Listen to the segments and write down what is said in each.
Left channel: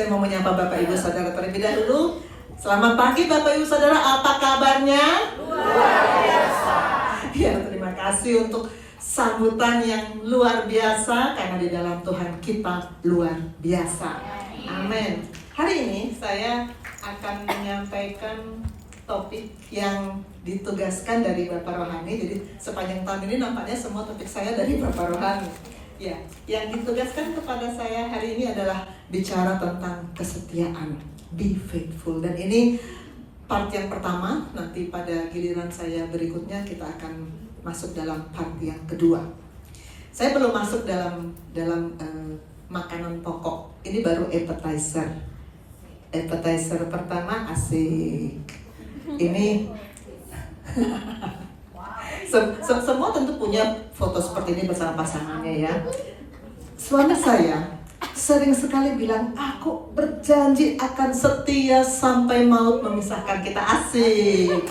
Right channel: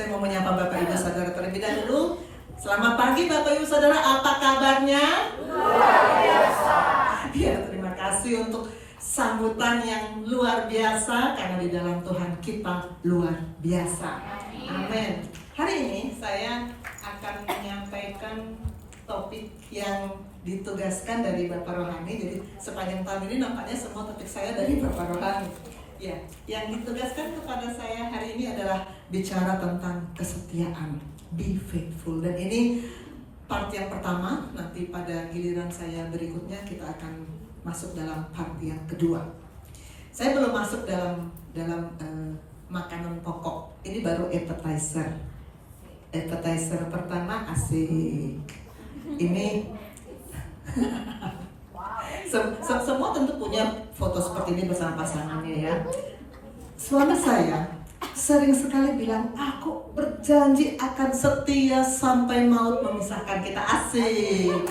Saya mau menyapa Bapak Ibu Saudara terlebih dahulu. Selamat pagi Bapak Ibu Saudara, apa kabarnya? Luar biasa. Ya, terima kasih untuk sambutan yang luar biasa, karena di dalam Tuhan kita luar biasa. Amin. Hari ini saya akan menyampaikan topik yang ditugaskan dari Bapak Rohani. Jadi sepanjang tahun ini nampaknya semua topik saya dari Bapak Rohani. Ya, yang ditugaskan kepada saya hari ini adalah bicara tentang kesetiaan, be faithful. Dan ini part yang pertama. Nanti pada giliran saya berikutnya kita akan masuk dalam part yang kedua. Saya belum masuk dalam makanan pokok. Ini baru appetizer. Appetizer pertama asik. Ini semua tentu punya foto seperti ini bersama pasangannya ya. Suami saya sering sekali bilang, aku berjanji akan setia sampai maut memisahkan kita. Asik.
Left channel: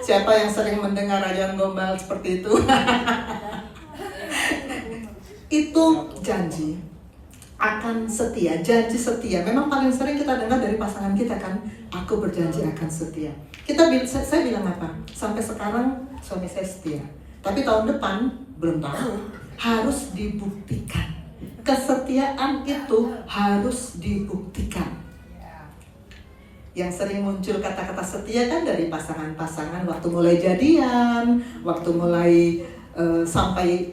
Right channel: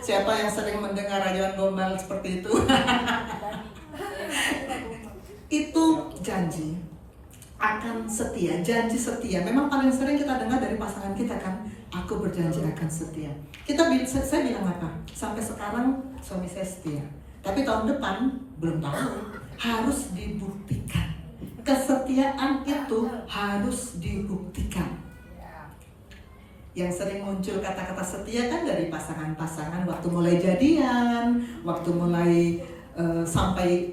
Siapa yang sering mendengar rayuan gombal seperti itu? Itu janji akan setia, janji setia. Memang paling sering kita dengar dari pasangan kita kan, aku berjanji akan setia. Saya bilang apa? Sampai sekarang suami saya setia. Tapi tahun depan belum tahu. Harus dibuktikan. Kesetiaan itu harus dibuktikan. Yang sering muncul kata-kata setia kan dari pasangan-pasangan waktu mulai jadian, waktu mulai sampai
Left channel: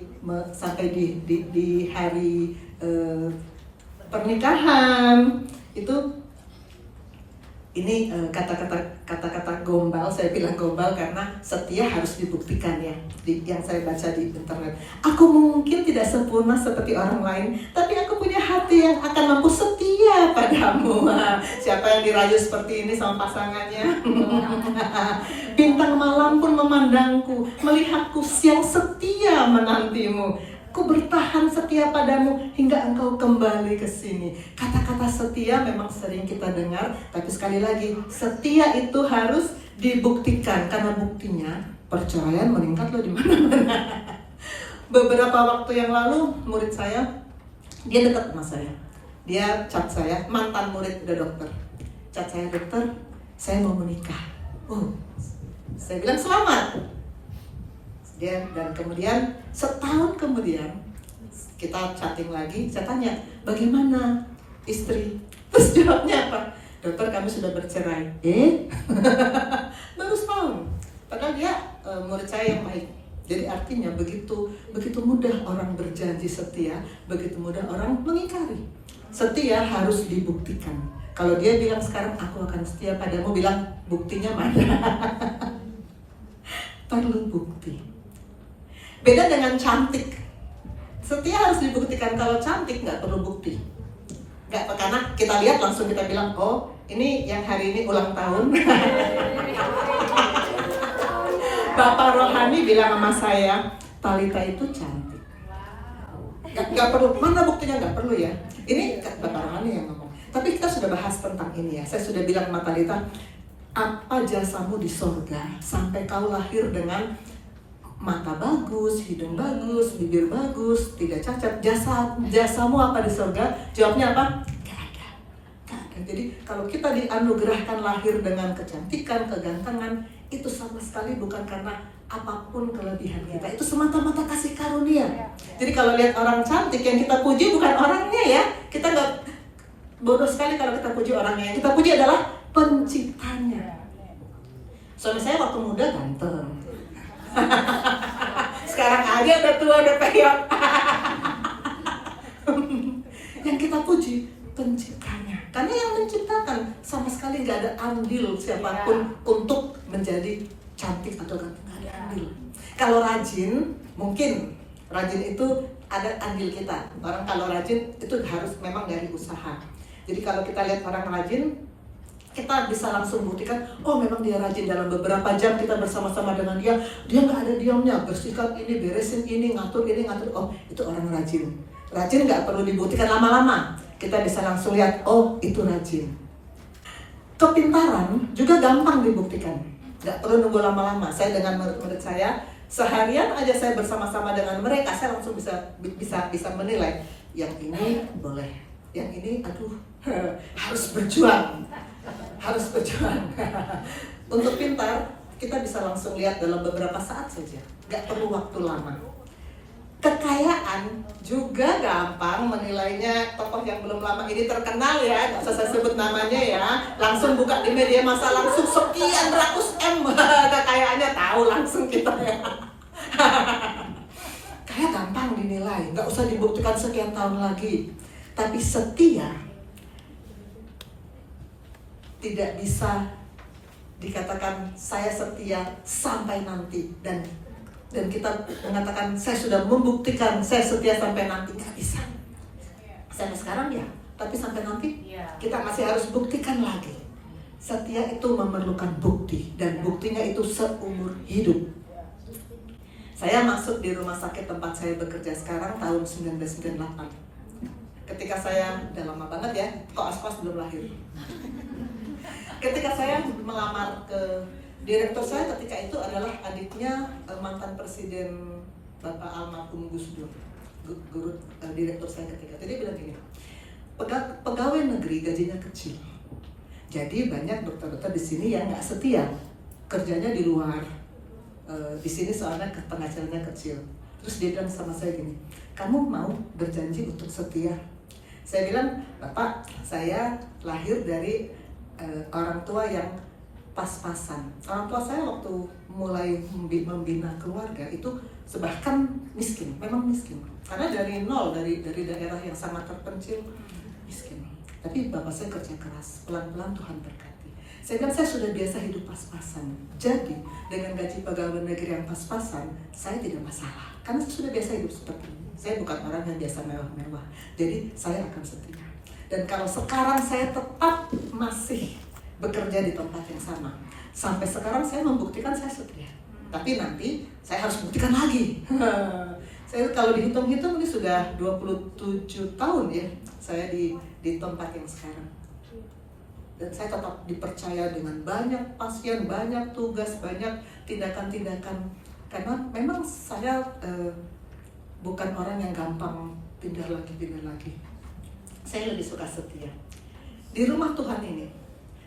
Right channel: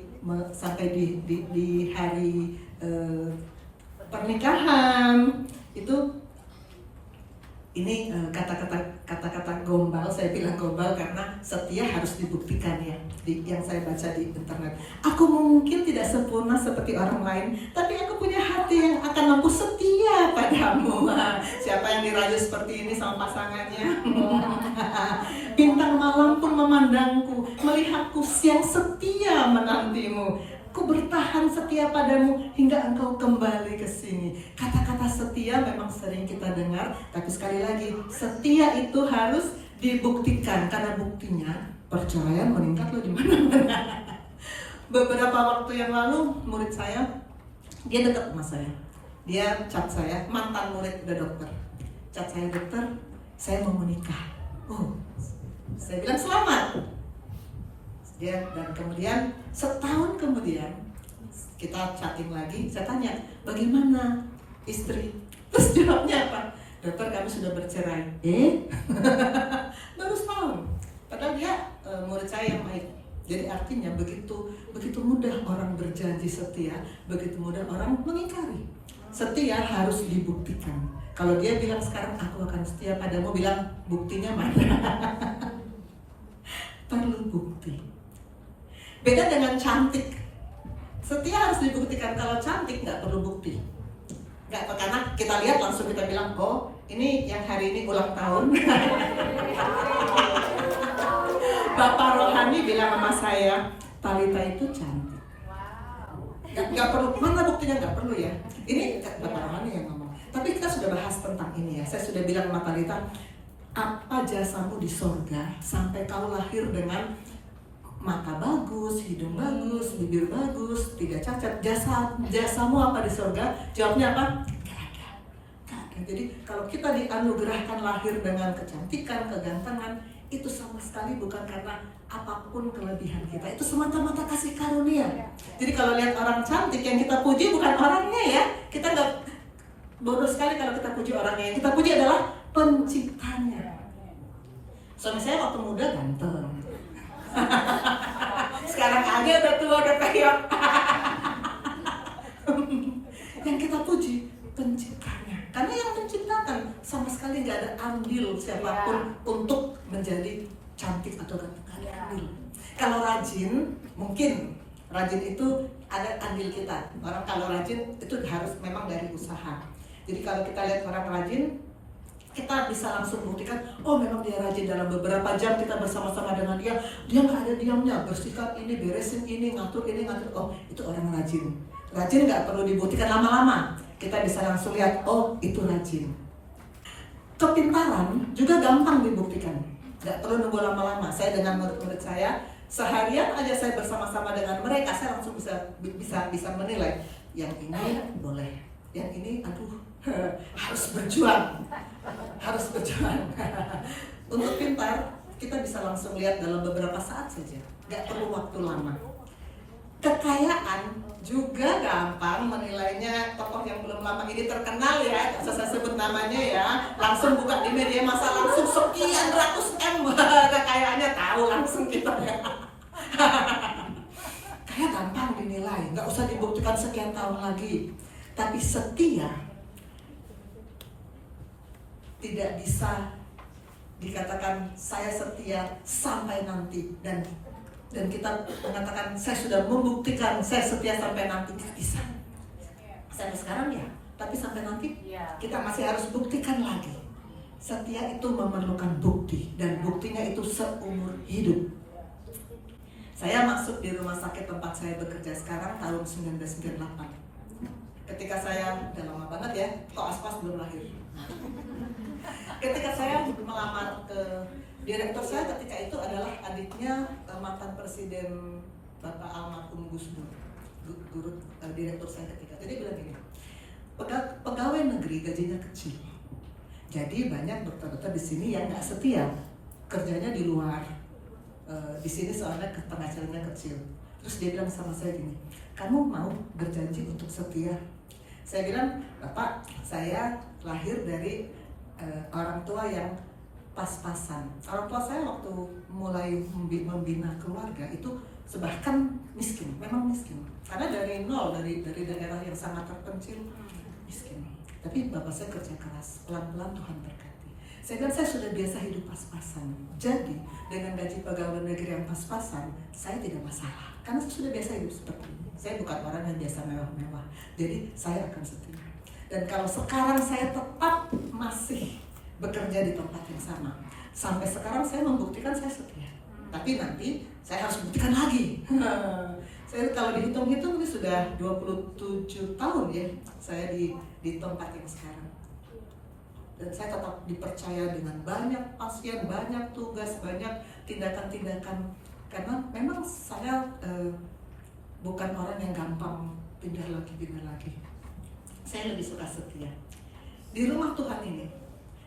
di hari pernikahan. Itu ini kata-kata gombal. Saya bilang gombal karena setia harus dibuktikan ya. Yang saya baca di internet. Aku mungkin tidak sempurna seperti orang lain, tapi aku punya hati yang akan mampu setia padamu. Siapa yang dirayu seperti ini sama pasangannya? Bintang malam pun memandangku, melihatku yang setia menantimu. Ku bertahan setia padamu hingga engkau kembali ke sini. Kata-kata setia memang sering kita dengar, tapi sekali lagi, setia itu harus dibuktikan, karena buktinya perceraian meningkat loh di mana-mana. Beberapa waktu yang lalu murid saya, dia dekat sama saya. Dia chat saya, mantan murid udah dokter. Chat saya, dokter, saya mau menikah. Saya bilang selamat. Dan kemudian setahun kemudian kita chatting lagi, saya tanya, bagaimana istri? Terus jawabnya apa? Dokter, kami sudah bercerai. Baru setahun. Padahal dia murid saya yang baik. Jadi artinya begitu mudah orang berjanji setia, begitu mudah orang mengingkari. Setia harus dibuktikan. Kalau dia bilang sekarang aku akan setia padamu, bilang buktinya mana? Perlu bukti. Beda dengan cantik. Setia harus dibuktikan. Kalau cantik nggak perlu bukti. Nggak, karena kita lihat langsung kita bilang, oh ini yang hari ini ulang tahun. Bapak Rohani bilang sama saya, Talita itu cantik. Nggak perlu, mana buktinya nggak perlu ya. Ini Bapak Rohani yang ngomong. Tapi kita sudah bahas tentang ini ya. Saya sudah bilang sama Talita, apa jasamu di sorga sampai kau lahir dengan mata bagus, hidung bagus, bibir bagus, tidak cacat. Jasamu apa di surga? Jawabnya apa? Gak ada. Jadi kalau kita dianugerahkan lahir dengan kecantikan, kegantengan, itu sama sekali bukan karena apapun kelebihan kita. Itu semata-mata kasih karunia. Jadi kalau lihat orang cantik, yang kita puji bukan orangnya ya. Kita nggak bodoh sekali kalau kita puji orangnya. Yang kita puji adalah penciptanya. Suami saya waktu muda ganteng. Sekarang aja udah tua, udah peyot. Yang kita puji penciptanya, karena yang menciptakan sama sekali nggak ada andil siapapun untuk menjadi cantik atau ganteng. Ada andil. Kalau rajin, mungkin rajin itu ada andil kita. Orang kalau rajin itu harus memang dari usaha. Jadi kalau kita lihat orang rajin, kita bisa langsung buktikan, oh memang dia rajin. Dalam beberapa jam kita bersama-sama dengan dia nggak ada diamnya, bersihkan ini, beresin ini, ngatur ini, ngatur. Oh itu orang rajin. Rajin nggak perlu dibuktikan lama-lama, kita bisa langsung lihat, oh itu rajin. Kepintaran juga gampang dibuktikan, nggak perlu nunggu lama-lama. Saya dengan murid saya, seharian aja saya bersama-sama dengan mereka, saya langsung bisa menilai, yang ini boleh, yang ini aduh harus berjuang. Untuk pintar, kita bisa langsung lihat dalam beberapa saat saja, nggak perlu waktu lama. Kekayaan juga gampang menilainya. Tokoh yang belum lama ini terkenal ya, nggak usah saya sebut namanya ya, langsung buka di media massa langsung sekian ratus M kekayaannya, tahu langsung kita ya. Kayak gampang dinilai, nggak usah dibuktikan sekian tahun lagi. Tapi setia tidak bisa dikatakan saya setia sampai nanti, dan kita mengatakan saya sudah membuktikan saya setia sampai nanti, nggak bisa. Sampai sekarang ya, tapi sampai nanti kita masih harus buktikan lagi. Setia itu memerlukan bukti, dan buktinya itu seumur hidup. Saya masuk di rumah sakit tempat saya bekerja sekarang tahun 1998. Ketika saya, udah lama banget ya, kok Aspas belum lahir. Ketika saya melamar ke direktur saya ketika itu adalah adiknya mantan presiden Bapak almarhum Gus Dur, guru direktur saya ketika. Jadi bilang gini, pegawai negeri gajinya kecil. Jadi banyak dokter-dokter di sini yang nggak setia, kerjanya di luar. Di sini soalnya penghasilannya kecil. Terus dia bilang sama saya gini, kamu mau berjanji untuk setia? Saya bilang, Bapak, saya lahir dari orang tua yang pas-pasan. Orang tua saya waktu mulai membina keluarga itu bahkan miskin, memang miskin. Karena dari nol, dari daerah yang sangat terpencil, miskin. Tapi bapak saya kerja keras, pelan-pelan Tuhan berkati. Saya bilang saya sudah biasa hidup pas-pasan. Jadi dengan gaji pegawai negeri yang pas-pasan, saya tidak masalah. Karena saya sudah biasa hidup seperti ini. Saya bukan orang yang biasa mewah-mewah. Jadi saya akan setia. Dan kalau sekarang saya tetap masih bekerja di tempat yang sama, sampai sekarang saya membuktikan saya setia. Tapi nanti saya harus buktikan lagi. Saya kalau dihitung-hitung ini sudah 27 tahun ya saya di tempat yang sekarang. Dan saya tetap dipercaya dengan banyak pasien, banyak tugas, banyak tindakan-tindakan. Karena memang saya bukan orang yang gampang pindah lagi. Saya lebih suka setia. Di rumah Tuhan ini,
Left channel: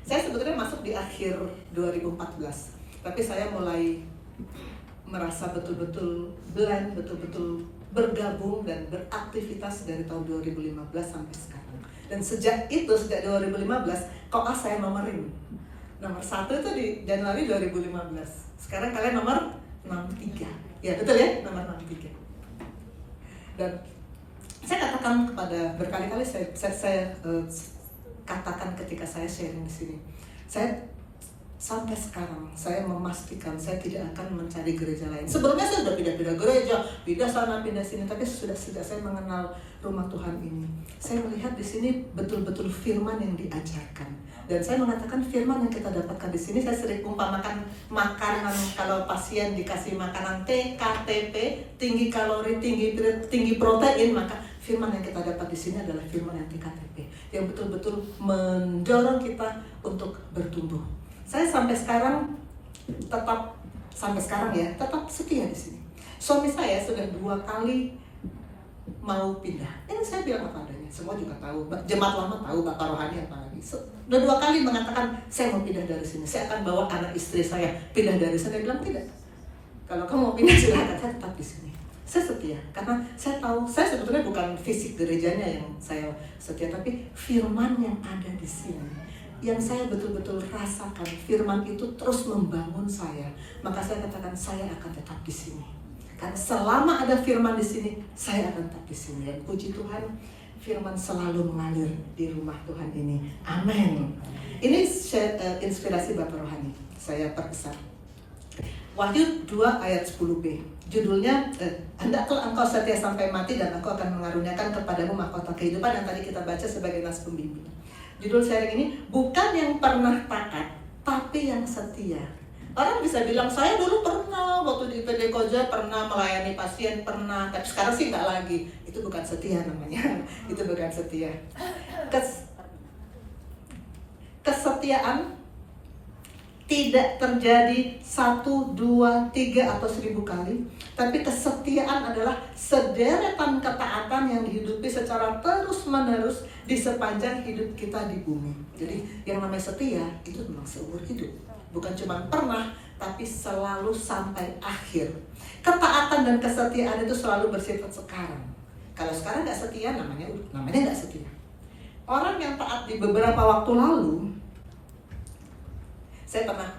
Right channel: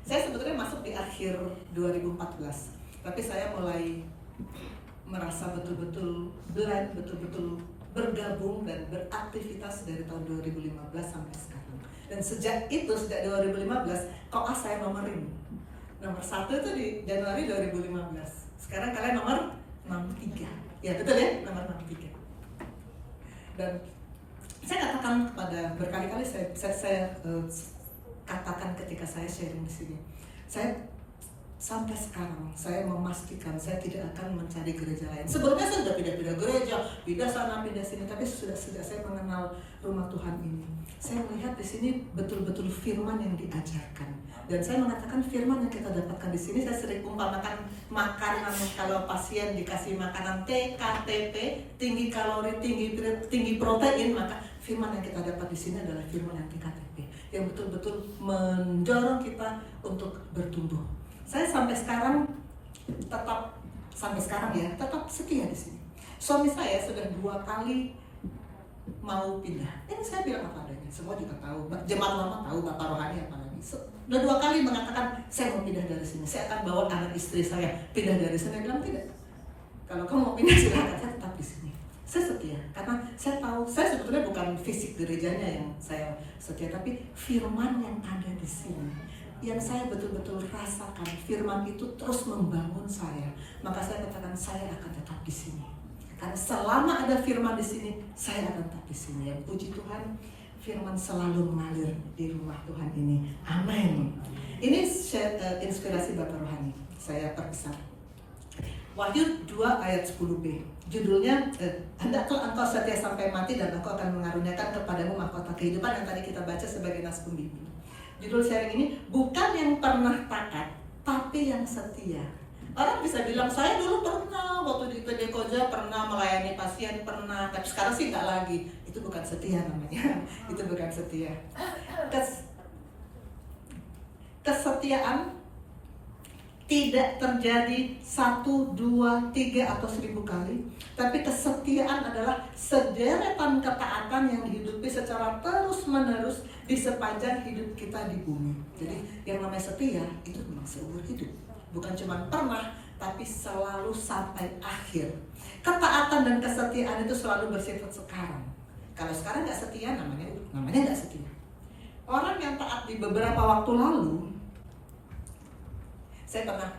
saya sebetulnya masuk di akhir 2014, tapi saya mulai merasa betul-betul blend, betul-betul bergabung dan beraktivitas dari tahun 2015 sampai sekarang. Dan sejak 2015, koas saya nomor 1 itu di Januari 2015. Sekarang kalian nomor 63. Ya betul ya, nomor 63. Dan saya katakan kepada berkali-kali saya katakan ketika saya sharing di sini, saya sampai sekarang saya memastikan saya tidak akan mencari gereja lain. Sebelumnya saya sudah pindah-pindah gereja, pindah sana, pindah sini, tapi sudah saya mengenal rumah Tuhan ini. Saya melihat di sini betul-betul firman yang diajarkan. Dan saya mengatakan firman yang kita dapatkan di sini, saya sering umpamakan makanan. Kalau pasien dikasih makanan TKTP, tinggi kalori, tinggi protein, maka firman yang kita dapat di sini adalah firman yang TKTP, yang betul-betul mendorong kita untuk bertumbuh. Saya sampai sekarang tetap setia di sini. Suami saya sudah 2 kali mau pindah. Ini saya bilang apa adanya. Semua juga tahu. Jemaat lama tahu, Bapak rohani apa lagi. Sudah 2 kali mengatakan saya mau pindah dari sini. Saya akan bawa anak istri saya pindah dari sini. Saya bilang tidak. Kalau kamu mau pindah silakan, saya tetap di sini. Saya setia karena saya tahu saya sebetulnya bukan fisik gerejanya yang saya setia, tapi firman yang ada di sini. Yang saya betul-betul rasakan, firman itu terus membangun saya. Maka saya katakan saya akan tetap di sini. Karena selama ada firman di sini, saya akan tetap di sini. Ya, puji Tuhan, firman selalu mengalir di rumah Tuhan ini. Amin. Ini inspirasi Bapak Rohani. Saya perkesan. Wahyu 2 ayat 10b. Judulnya, hendaklah engkau setia sampai mati dan aku akan mengaruniakan kepadamu mahkota kehidupan, yang tadi kita baca sebagai nas pembimbing. Judul sharing ini, bukan yang pernah taat, tapi yang setia. Orang bisa bilang, saya dulu pernah, waktu di IPD Koja pernah melayani pasien, pernah, tapi sekarang sih nggak lagi. Itu bukan setia namanya, itu bukan setia. Kesetiaan tidak terjadi 1, 2, 3 atau 1000 kali. Tapi kesetiaan adalah sederetan ketaatan yang dihidupi secara terus-menerus di sepanjang hidup kita di bumi. Jadi yang namanya setia itu memang seumur hidup. Bukan cuma pernah, tapi selalu sampai akhir. Ketaatan dan kesetiaan itu selalu bersifat sekarang. Kalau sekarang nggak setia, namanya nggak setia. Orang yang taat di beberapa waktu lalu, saya pernah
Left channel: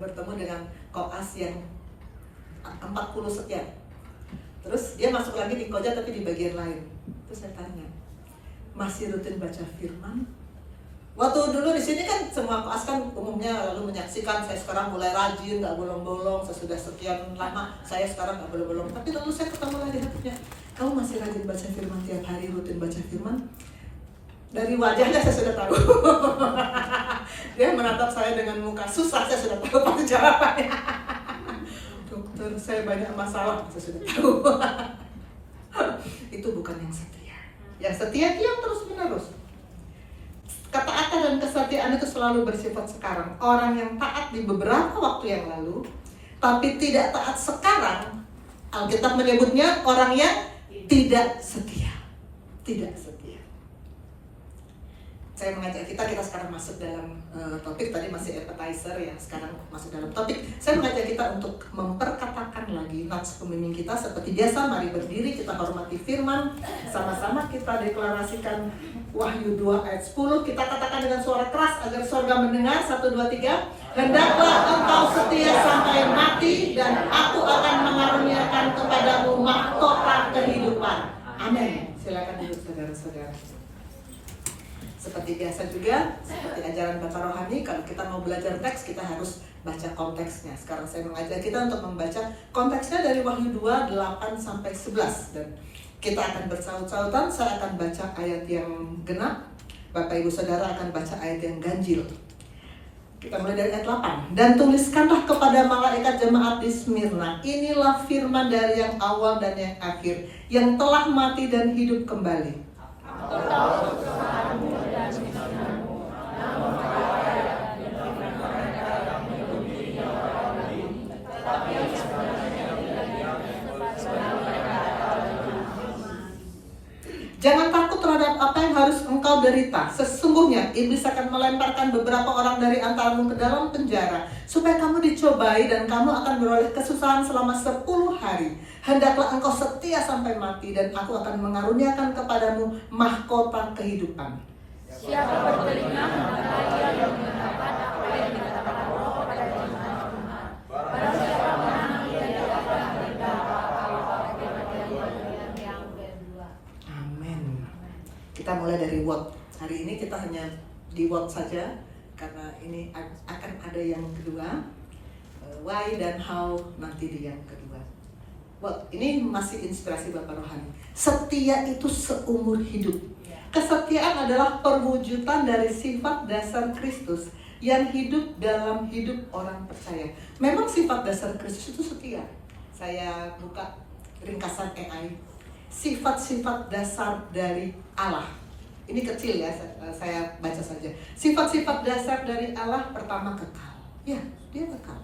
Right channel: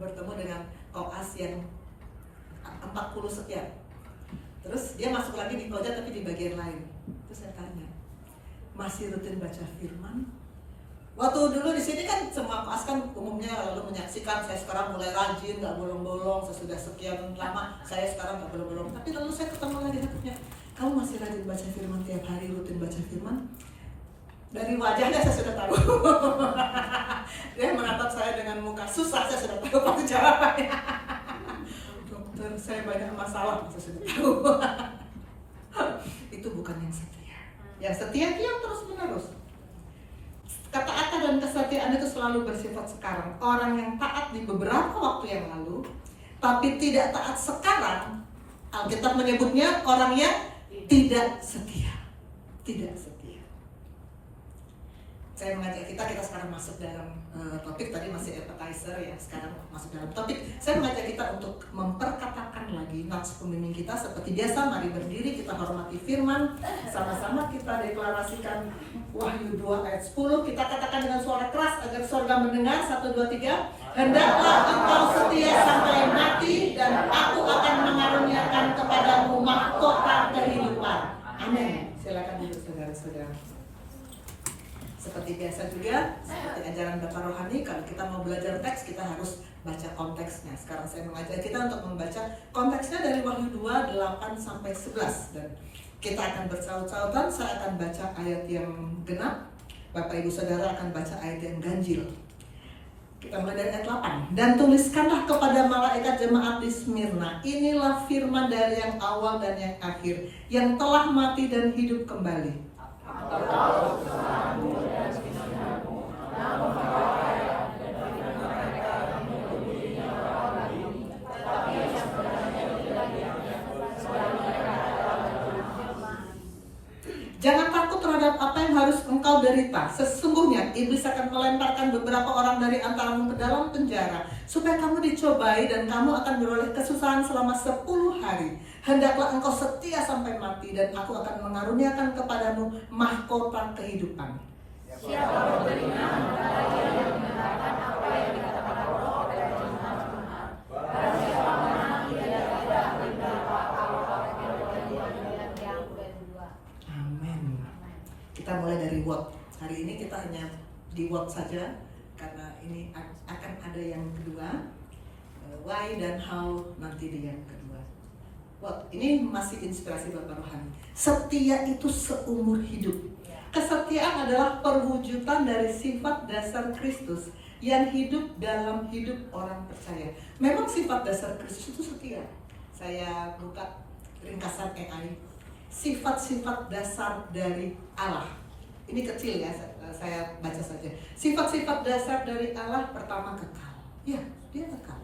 bertemu dengan koas yang 40 sekian. Terus dia masuk lagi di koja tapi di bagian lain. Terus saya tanya, masih rutin baca firman? Waktu dulu di sini kan semua koas kan umumnya lalu menyaksikan, saya sekarang mulai rajin, nggak bolong-bolong, saya sudah sekian lama, saya sekarang nggak bolong-bolong. Tapi lalu saya ketemu lagi hatinya, kamu masih rajin baca firman tiap hari, rutin baca firman? Dari wajahnya saya sudah tahu. Dia menatap saya dengan muka susah, saya sudah tahu pasti jawabannya. Dokter, saya banyak masalah, saya sudah tahu. Itu bukan yang setia. Yang setia itu yang terus menerus. Ketaatan dan kesetiaan itu selalu bersifat sekarang. Orang yang taat di beberapa waktu yang lalu, tapi tidak taat sekarang, Alkitab menyebutnya orang yang tidak setia. Tidak setia. Saya mengajak kita sekarang masuk dalam topik, tadi masih appetizer ya, sekarang masuk dalam topik. Saya mengajak kita untuk memperkatakan lagi nats pembimbing kita seperti biasa. Mari berdiri, kita hormati firman, sama-sama kita deklarasikan Wahyu 2 ayat 10. Kita katakan dengan suara keras agar surga mendengar. 1, 2, 3. Hendaklah engkau setia sampai mati, dan aku akan mengaruniakan kepadamu mahkota kehidupan. Amin. Silakan duduk saudara-saudara. Seperti biasa juga, seperti ajaran Bapak Rohani, kalau kita mau belajar teks, kita harus baca konteksnya. Sekarang saya mengajak kita untuk membaca konteksnya dari Wahyu 2, 8-11. Dan kita akan bersaut-sautan, saya akan baca ayat yang genap, Bapak Ibu Saudara akan baca ayat yang ganjil. Kita mulai dari ayat 8. Dan tuliskanlah kepada malaikat jemaat di Smyrna, inilah firman dari yang awal dan yang akhir, yang telah mati dan hidup kembali. Jangan takut terhadap apa yang harus engkau derita. Sesungguhnya iblis akan melemparkan beberapa orang dari antaramu ke dalam penjara, supaya kamu dicobai dan kamu akan beroleh kesusahan selama 10 hari. Hendaklah engkau setia sampai mati, dan aku akan mengaruniakan kepadamu mahkota kehidupan. Siapa bertelinga, bagi yang mendengarkan apa yang dikatakan Allah dan yang benar. Barang siapa menang, dia dapat mendapat apa yang kedua. Amin. Kita mulai dari what. Hari ini kita hanya di what saja, karena ini akan ada yang kedua, why dan how nanti di yang kedua. What ini masih inspirasi Bapak Rohani. Setia itu seumur hidup. Kesetiaan adalah perwujudan dari sifat dasar Kristus yang hidup dalam hidup orang percaya. Memang sifat dasar Kristus itu setia. Saya buka ringkasan AI. Sifat-sifat dasar dari Allah. Ini kecil ya, saya baca saja. Sifat-sifat dasar dari Allah, pertama kekal. Ya, dia kekal.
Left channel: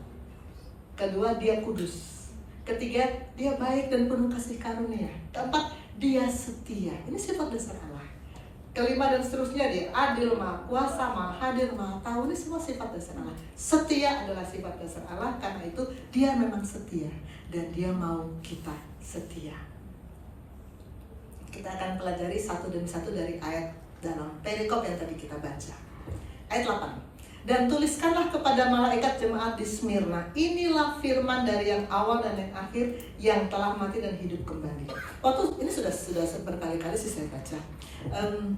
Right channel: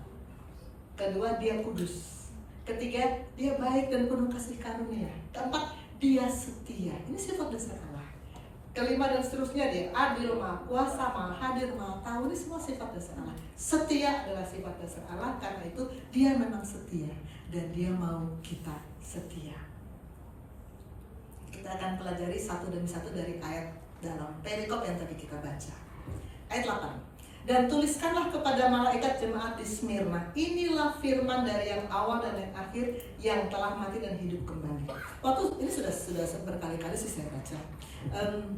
Kedua, dia kudus. Ketiga, dia baik dan penuh kasih karunia. Keempat, dia setia. Ini sifat dasar Allah. Kelima dan seterusnya, dia adil, maha kuasa, maha hadir, maha tahu. Ini semua sifat dasar Allah. Setia adalah sifat dasar Allah, karena itu dia memang setia. Dan dia mau kita setia. Kita akan pelajari satu demi satu dari ayat dalam perikop yang tadi kita baca. Ayat 8. Dan tuliskanlah kepada malaikat jemaat di Smyrna, inilah firman dari yang awal dan yang akhir, yang telah mati dan hidup kembali. Waktu ini sudah berkali-kali sih saya baca.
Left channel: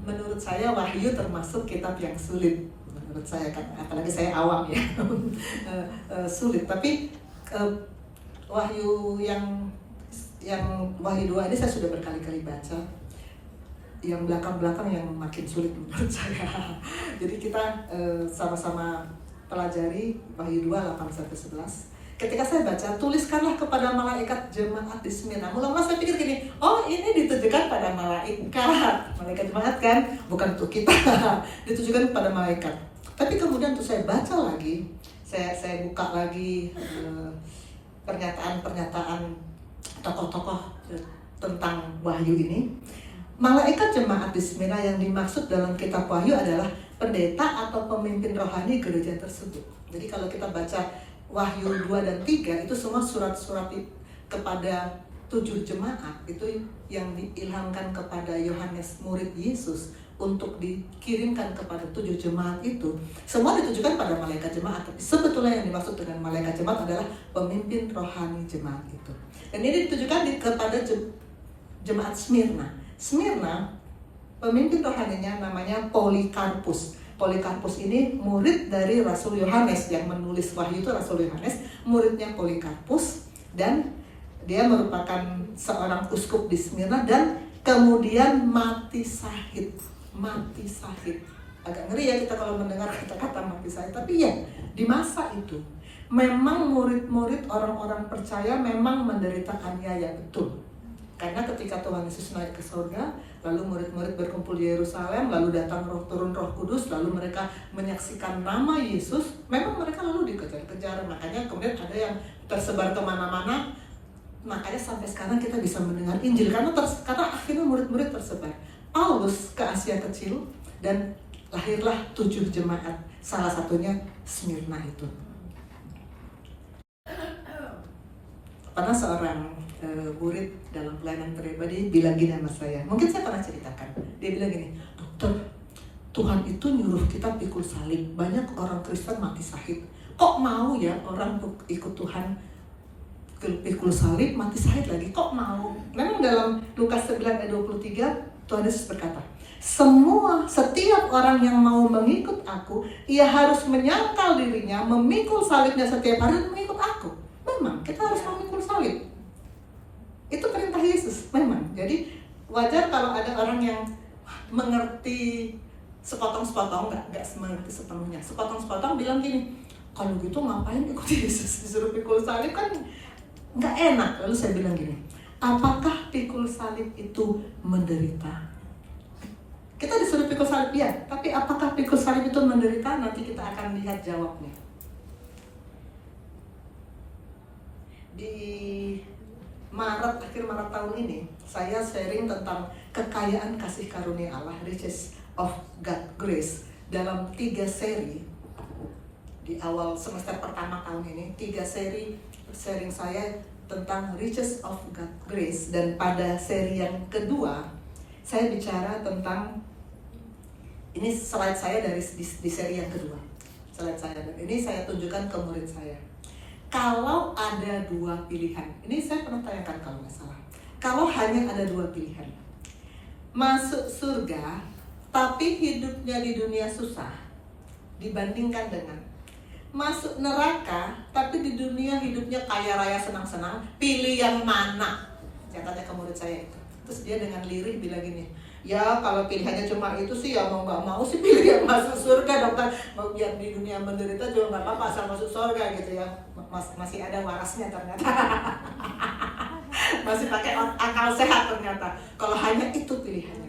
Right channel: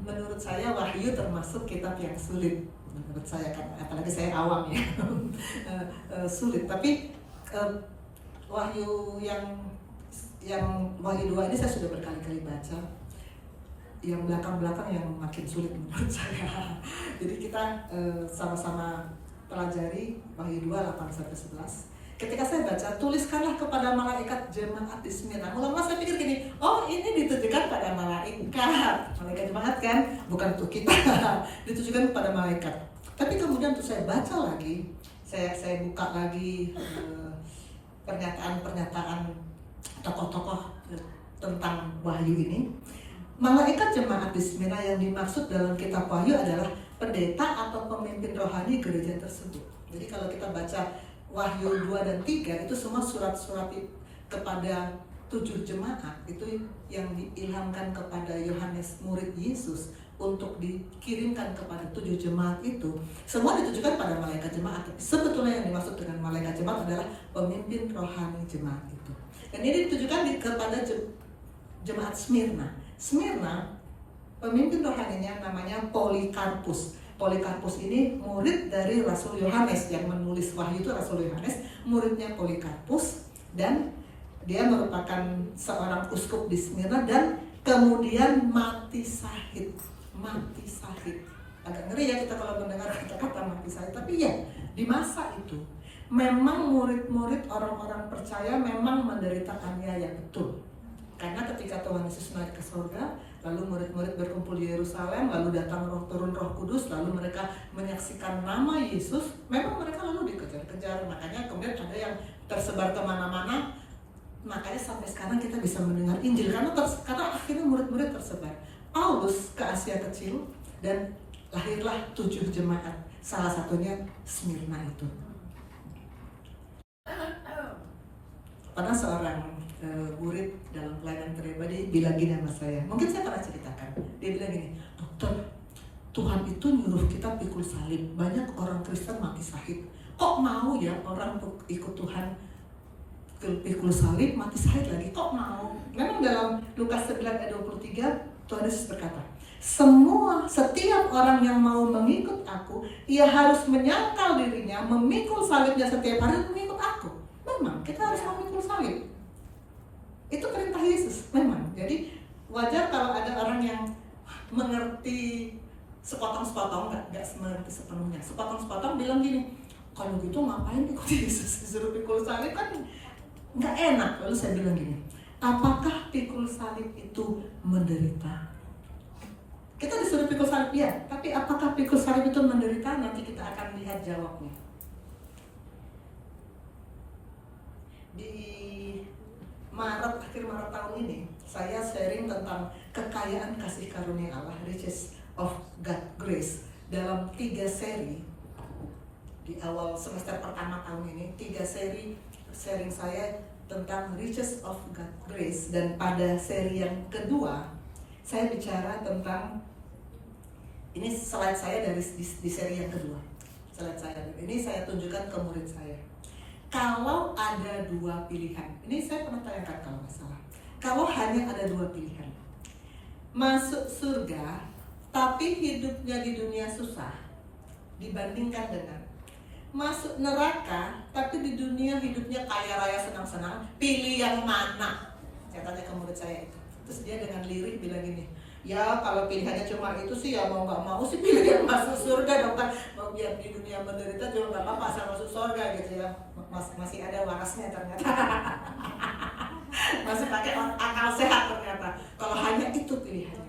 Menurut saya Wahyu termasuk kitab yang sulit. Menurut saya kan, apalagi saya awam ya, sulit. Tapi Wahyu yang Wahyu 2 ini saya sudah berkali-kali baca. Yang belakang-belakang yang makin sulit menurut saya. Jadi kita sama-sama pelajari Wahyu 2, 8-11. Ketika saya baca, tuliskanlah kepada malaikat jemaat di Smyrna. Mula-mula saya pikir gini, oh ini ditujukan pada malaikat jemaat kan, bukan untuk kita. Ditujukan kepada malaikat. Tapi kemudian tuh saya baca lagi, saya buka lagi pernyataan-pernyataan tokoh-tokoh tentang Wahyu ini. Malaikat jemaat di Smyrna yang dimaksud dalam kitab Wahyu adalah pendeta atau pemimpin rohani gereja tersebut. Jadi kalau kita baca Wahyu 2 dan 3 itu semua surat-surat kepada 7 jemaat itu yang diilhamkan kepada Yohanes murid Yesus untuk dikirimkan kepada 7 jemaat itu, semua ditujukan pada malaikat jemaat. Tapi sebetulnya yang dimaksud dengan malaikat jemaat adalah pemimpin rohani jemaat itu. Dan ini ditujukan kepada jemaat Smyrna. Smyrna, pemimpin rohaninya namanya Polikarpus. Polikarpus ini murid dari Rasul Yohanes, yang menulis Wahyu itu Rasul Yohanes, muridnya Polikarpus, dan dia merupakan seorang uskup di Smyrna dan kemudian mati syahid. Mati syahid. Agak ngeri ya kita kalau mendengar kata-kata mati syahid, tapi ya di masa itu memang murid-murid orang-orang percaya memang menderita aniaya betul. Karena ketika Tuhan Yesus naik ke surga, lalu murid-murid berkumpul di Yerusalem, lalu datang turun Roh Kudus, lalu mereka menyaksikan nama Yesus, memang mereka lalu dikejar-kejar. Makanya kemudian ada yang tersebar kemana-mana. Makanya sampai sekarang kita bisa mendengar Injil karena akhirnya murid-murid tersebar. Paulus ke Asia Kecil dan lahirlah 7 jemaat, salah satunya Smyrna itu. Pernah seorang murid dalam pelayanan pribadi bilang gini sama saya, mungkin saya pernah ceritakan. Dia bilang gini, dokter, Tuhan itu nyuruh kita pikul salib, banyak orang Kristen mati syahid. Kok mau ya orang ikut Tuhan pikul salib mati syahid lagi? Kok mau? Memang dalam Lukas 9 ayat 23 Tuhan Yesus berkata, setiap orang yang mau mengikut aku, ia harus menyangkal dirinya, memikul salibnya setiap hari mengikut aku. Memang kita harus memikul salib. Itu perintah Yesus, memang. Jadi wajar kalau ada orang yang mengerti sepotong-sepotong, nggak mengerti sepenuhnya. Sepotong-sepotong bilang gini, kalau gitu ngapain ikut Yesus, disuruh pikul salib kan nggak enak. Lalu saya bilang gini, apakah pikul salib itu menderita? Kita disuruh pikul salib ya, tapi apakah pikul salib itu menderita? Nanti kita akan lihat jawabnya. Di akhir Maret tahun ini, saya sharing tentang kekayaan kasih karunia Allah, Riches of God Grace, dalam 3 seri. Di awal semester pertama tahun ini, 3 seri sharing saya tentang Riches of God Grace, dan pada seri yang kedua saya bicara tentang, ini slide saya dari di seri yang kedua. Slide saya ini saya tunjukkan ke murid saya. Kalau ada 2 pilihan, ini saya pernah tanyakan kalau nggak salah. Kalau hanya ada 2 pilihan, masuk surga tapi hidupnya di dunia susah, dibandingkan dengan masuk neraka tapi di dunia hidupnya kaya raya senang-senang, pilih yang mana? Saya tanya ke murid saya itu. Terus dia dengan lirih bilang gini, ya kalau pilihannya cuma itu sih ya mau nggak mau sih pilih yang masuk surga, dokter. Mau biar di dunia menderita juga nggak apa-apa asal masuk surga gitu ya. Masih ada warasnya ternyata. Masih pakai akal sehat ternyata. Kalau hanya itu pilihannya.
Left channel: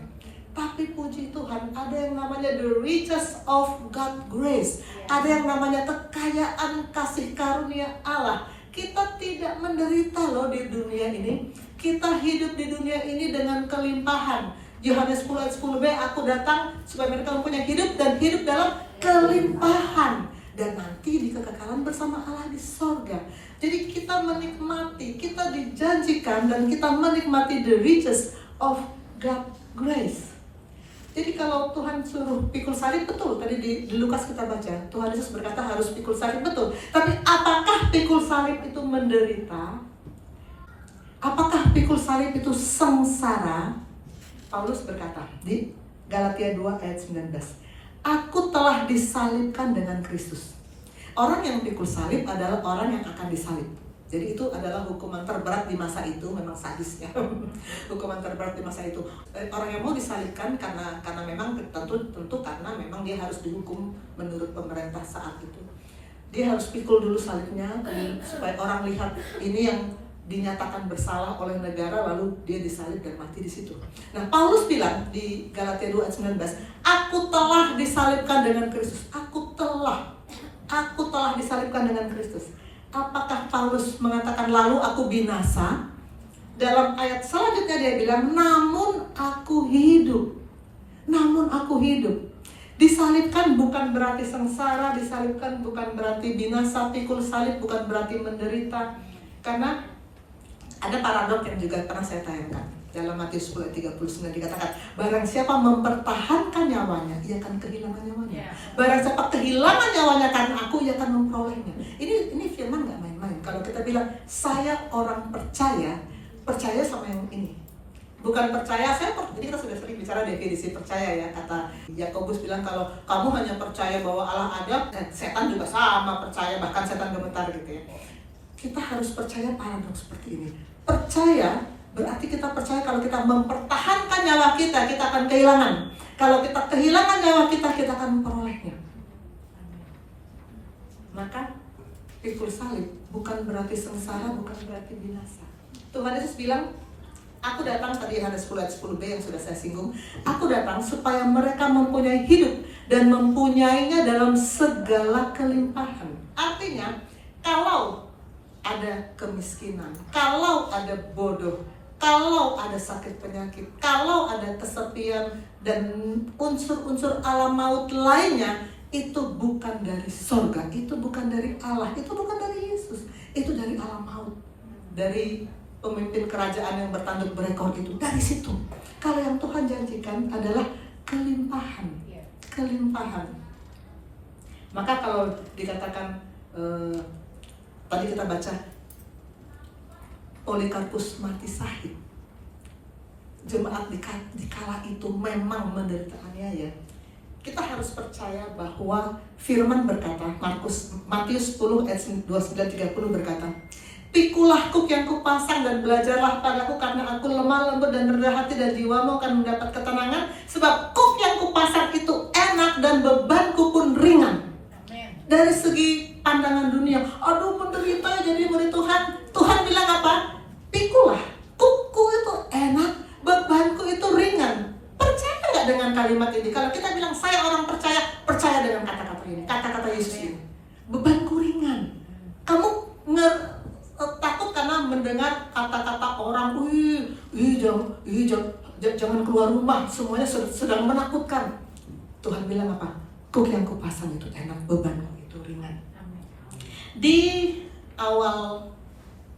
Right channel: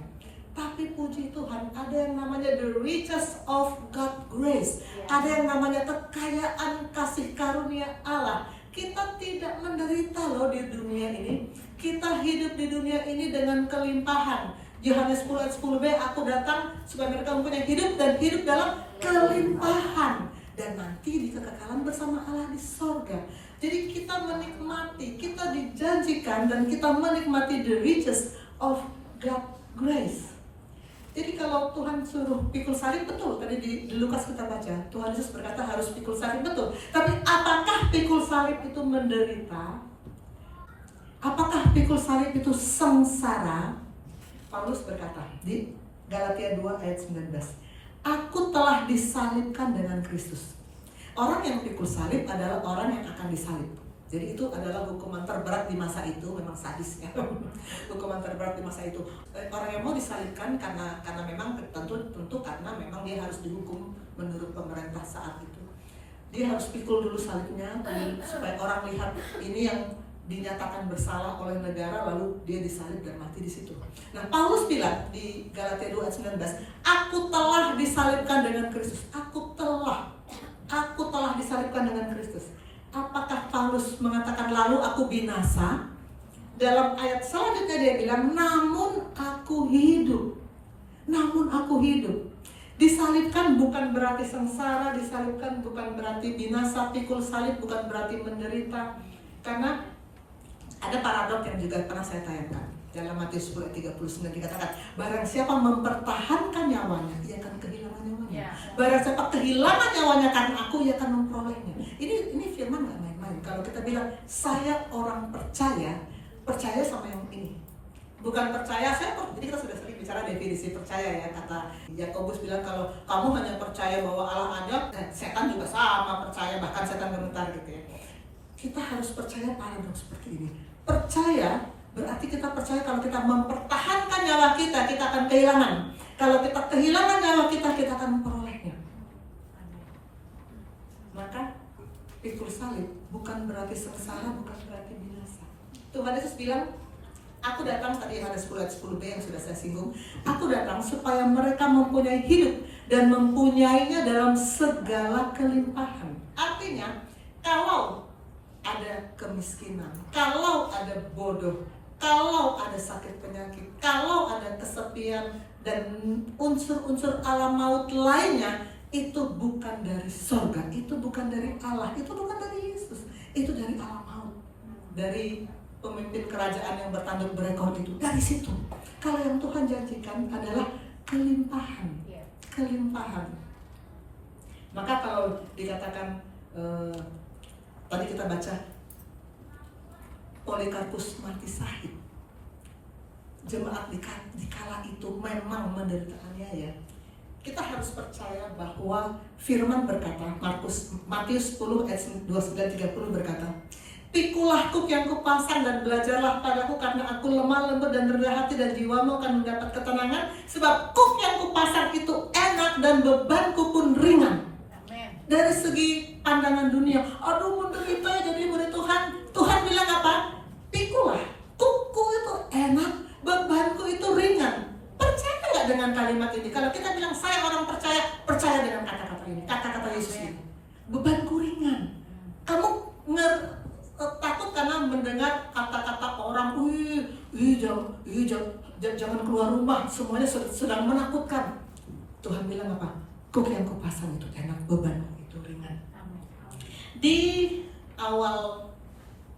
Tapi puji Tuhan, ada yang namanya the riches of God grace. Ada yang namanya kekayaan kasih karunia Allah. Kita tidak menderita loh di dunia ini. Kita hidup di dunia ini dengan kelimpahan. Yohanes 10 ayat 10b, aku datang supaya mereka mempunyai hidup dan hidup dalam kelimpahan. Dan nanti di kekekalan bersama Allah di sorga. Jadi kita menikmati, kita dijanjikan dan kita menikmati the riches of God grace. Jadi kalau Tuhan suruh pikul salib, betul. Tadi di Lukas kita baca, Tuhan Yesus berkata harus pikul salib, betul. Tapi apakah pikul salib itu menderita? Apakah pikul salib itu sengsara? Paulus berkata di Galatia 2 ayat 19, aku telah disalibkan dengan Kristus. Orang yang pikul salib adalah orang yang akan disalib. Jadi itu adalah hukuman terberat di masa itu, memang sadis ya. Hukuman terberat di masa itu. Orang yang mau disalibkan karena memang tentu karena memang dia harus dihukum menurut pemerintah saat itu. Dia harus pikul dulu salibnya supaya orang lihat ini yang dinyatakan bersalah oleh negara, lalu dia disalib dan mati di situ. Nah, Paulus bilang di Galatia 2 ayat 19, aku telah disalibkan dengan Kristus. Aku telah disalibkan dengan Kristus. Apakah Paulus mengatakan lalu aku binasa? Dalam ayat selanjutnya dia bilang, namun aku hidup. Namun aku hidup. Disalibkan bukan berarti sengsara, disalibkan bukan berarti binasa, pikul salib bukan berarti menderita. Karena ada paradok yang juga pernah saya tayangkan. Dalam Matius 10:39 dikatakan, barang siapa mempertahankan nyawanya, ia akan kehilangan nyawanya. Barang siapa kehilangan nyawanya karena aku, ia akan memperolehnya. Ini firman gak main-main. Kalau kita bilang, saya orang percaya sama yang ini. Bukan percaya, jadi kita sudah sering bicara definisi percaya ya. Kata Yakobus bilang, kalau kamu hanya percaya bahwa Allah ada, setan juga sama percaya, bahkan setan gemetar gitu ya. Kita harus percaya paradoks seperti ini. Percaya berarti kita percaya kalau kita mempertahankan nyawa kita, kita akan kehilangan. Kalau kita kehilangan nyawa kita, kita akan memperolehnya. Maka pikul salib bukan berarti sengsara, bukan berarti binasa. Tuhan Yesus bilang, aku datang, tadi Yohanes 10 ayat 10b yang sudah saya singgung, aku datang supaya mereka mempunyai hidup dan mempunyainya dalam segala kelimpahan. Artinya, kalau ada kemiskinan, kalau ada bodoh, kalau ada sakit penyakit, kalau ada kesepian dan unsur-unsur alam maut lainnya, itu bukan dari surga, itu bukan dari Allah, itu bukan dari Yesus, itu dari alam maut, dari pemimpin kerajaan yang bertanduk berekor itu, dari situ. Kalau yang Tuhan janjikan adalah kelimpahan, kelimpahan. Maka kalau dikatakan tadi kita baca Polikarpus mati syahid, jemaat di kala itu memang menderita aniaya. Kita harus percaya bahwa firman berkata, Matius 10 ayat 29-30 berkata, pikulah kuk yang kupasang dan belajarlah padaku, karena aku lemah lembut dan rendah hati, dan jiwamu akan mendapat ketenangan. Sebab kuk yang kupasang itu enak dan bebanku pun ringan. Dari segi pandangan dunia, aduh menderita jadi murid Tuhan. Tuhan bilang apa? Pikulah, kukku itu enak, bebanku itu ringan. Percaya nggak dengan kalimat ini? Kalau kita bilang saya orang percaya dengan kata-kata ini, kata-kata Yesus ini. Bebanku ringan. Kamu takut karena mendengar kata-kata orang, jangan keluar rumah, semuanya sedang menakutkan. Tuhan bilang apa? Kuk yang kupasang itu enak, bebanku itu ringan. Di awal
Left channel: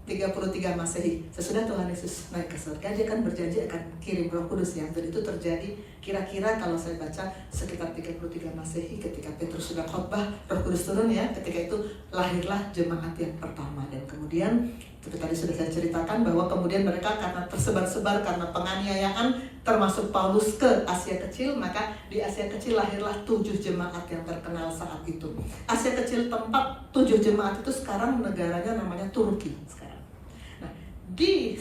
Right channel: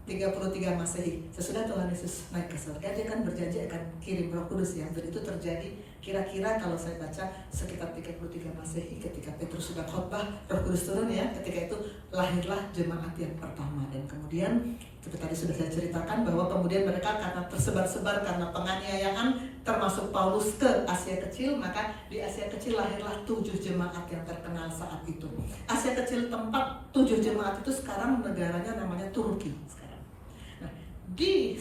33 Masehi, sesudah Tuhan Yesus naik ke surga, dia kan berjanji akan kirim Roh Kudus ya. Dan itu terjadi kira-kira kalau saya baca sekitar 33 Masehi, ketika Petrus sudah khotbah, Roh Kudus turun ya. Ketika itu lahirlah jemaat yang pertama. Dan kemudian seperti tadi sudah saya ceritakan bahwa kemudian mereka karena tersebar-sebar karena penganiayaan, termasuk Paulus ke Asia Kecil, maka di Asia Kecil lahirlah 7 jemaat yang terkenal saat itu. Asia Kecil tempat 7 jemaat itu sekarang negaranya namanya Turki sekarang. Di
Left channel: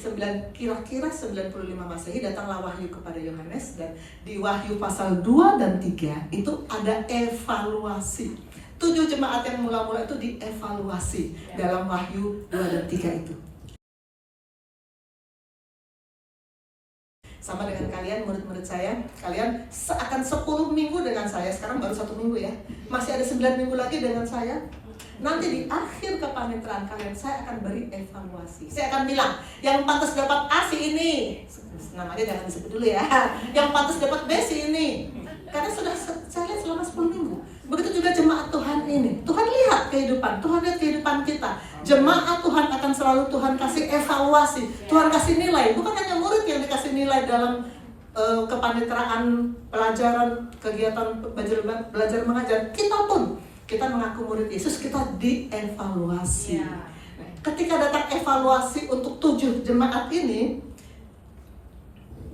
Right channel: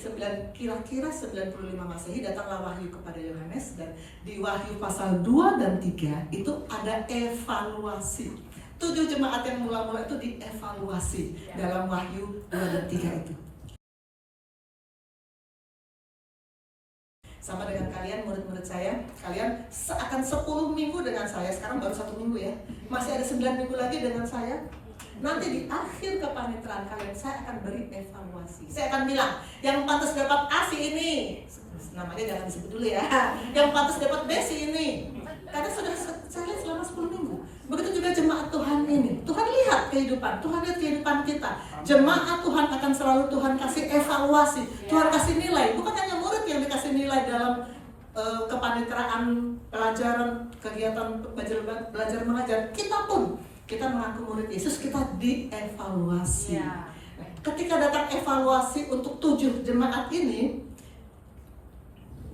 kira-kira 95 Masehi datanglah wahyu kepada Yohanes, dan di Wahyu pasal 2 dan 3 itu ada evaluasi. 7 jemaat yang mula-mula itu dievaluasi dalam Wahyu 2 dan 3 itu. Sama dengan kalian, murid-murid saya, kalian akan 10 minggu dengan saya, sekarang baru 1 minggu ya. Masih ada 9 minggu lagi dengan saya. Nanti di akhir kepanitraan kalian, saya akan beri evaluasi. Saya akan bilang, yang pantas dapat A si ini, namanya jangan disebut dulu ya. Yang pantas dapat B si ini. Karena sudah saya lihat selama 10 minggu. Begitu juga jemaat Tuhan ini. Tuhan lihat kehidupan, Tuhan lihat kehidupan kita. Jemaat Tuhan akan selalu Tuhan kasih evaluasi, Tuhan kasih nilai. Bukan hanya murid yang dikasih nilai dalam kepanitraan, pelajaran, kegiatan belajar mengajar. Kita pun, kita mengaku murid Yesus, kita dievaluasi. Ketika datang evaluasi untuk 7 jemaat ini,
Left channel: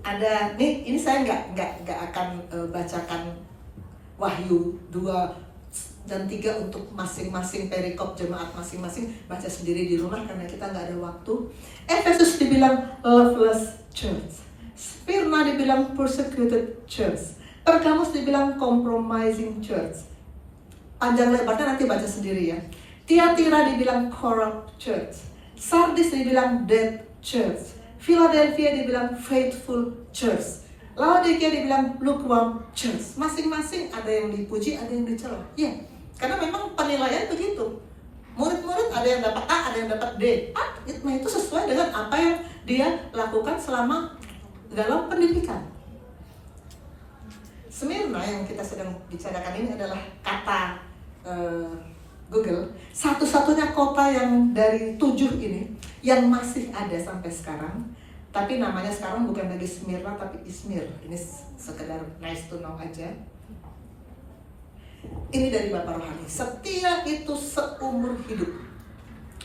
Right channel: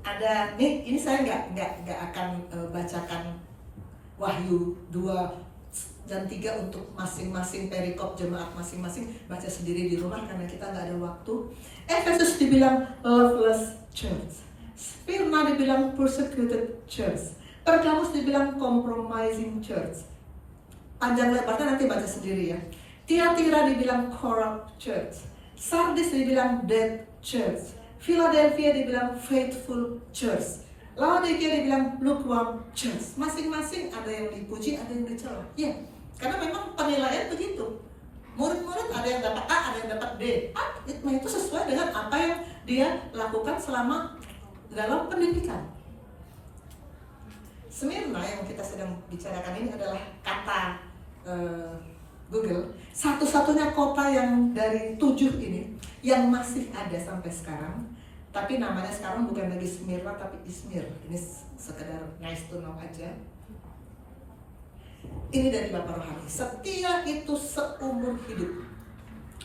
ada ini saya nggak akan bacakan Wahyu 2 dan 3 untuk masing-masing perikop jemaat masing-masing, baca sendiri di rumah karena kita nggak ada waktu. Efesus dibilang loveless church, Smyrna dibilang persecuted church, Pergamus dibilang compromising church. Panjang lebarnya nanti baca sendiri ya. Tiatira dibilang corrupt church, Sardis dibilang dead church, Philadelphia dibilang faithful church, Laodikia dibilang lukewarm church. Masing-masing ada yang dipuji, ada yang dicela. Ya, karena memang penilaian begitu. Murid-murid ada yang dapat A, ada yang dapat D. Nah itu sesuai dengan apa yang dia lakukan selama dalam pendidikan. Smyrna yang kita sedang bicarakan ini adalah kata Google, satu-satunya kota yang dari 7 ini yang masih ada sampai sekarang, tapi namanya sekarang bukan lagi Smyrna tapi Izmir. Ini sekedar nice to know aja. Ini dari Bapak Rohani, setia itu seumur hidup.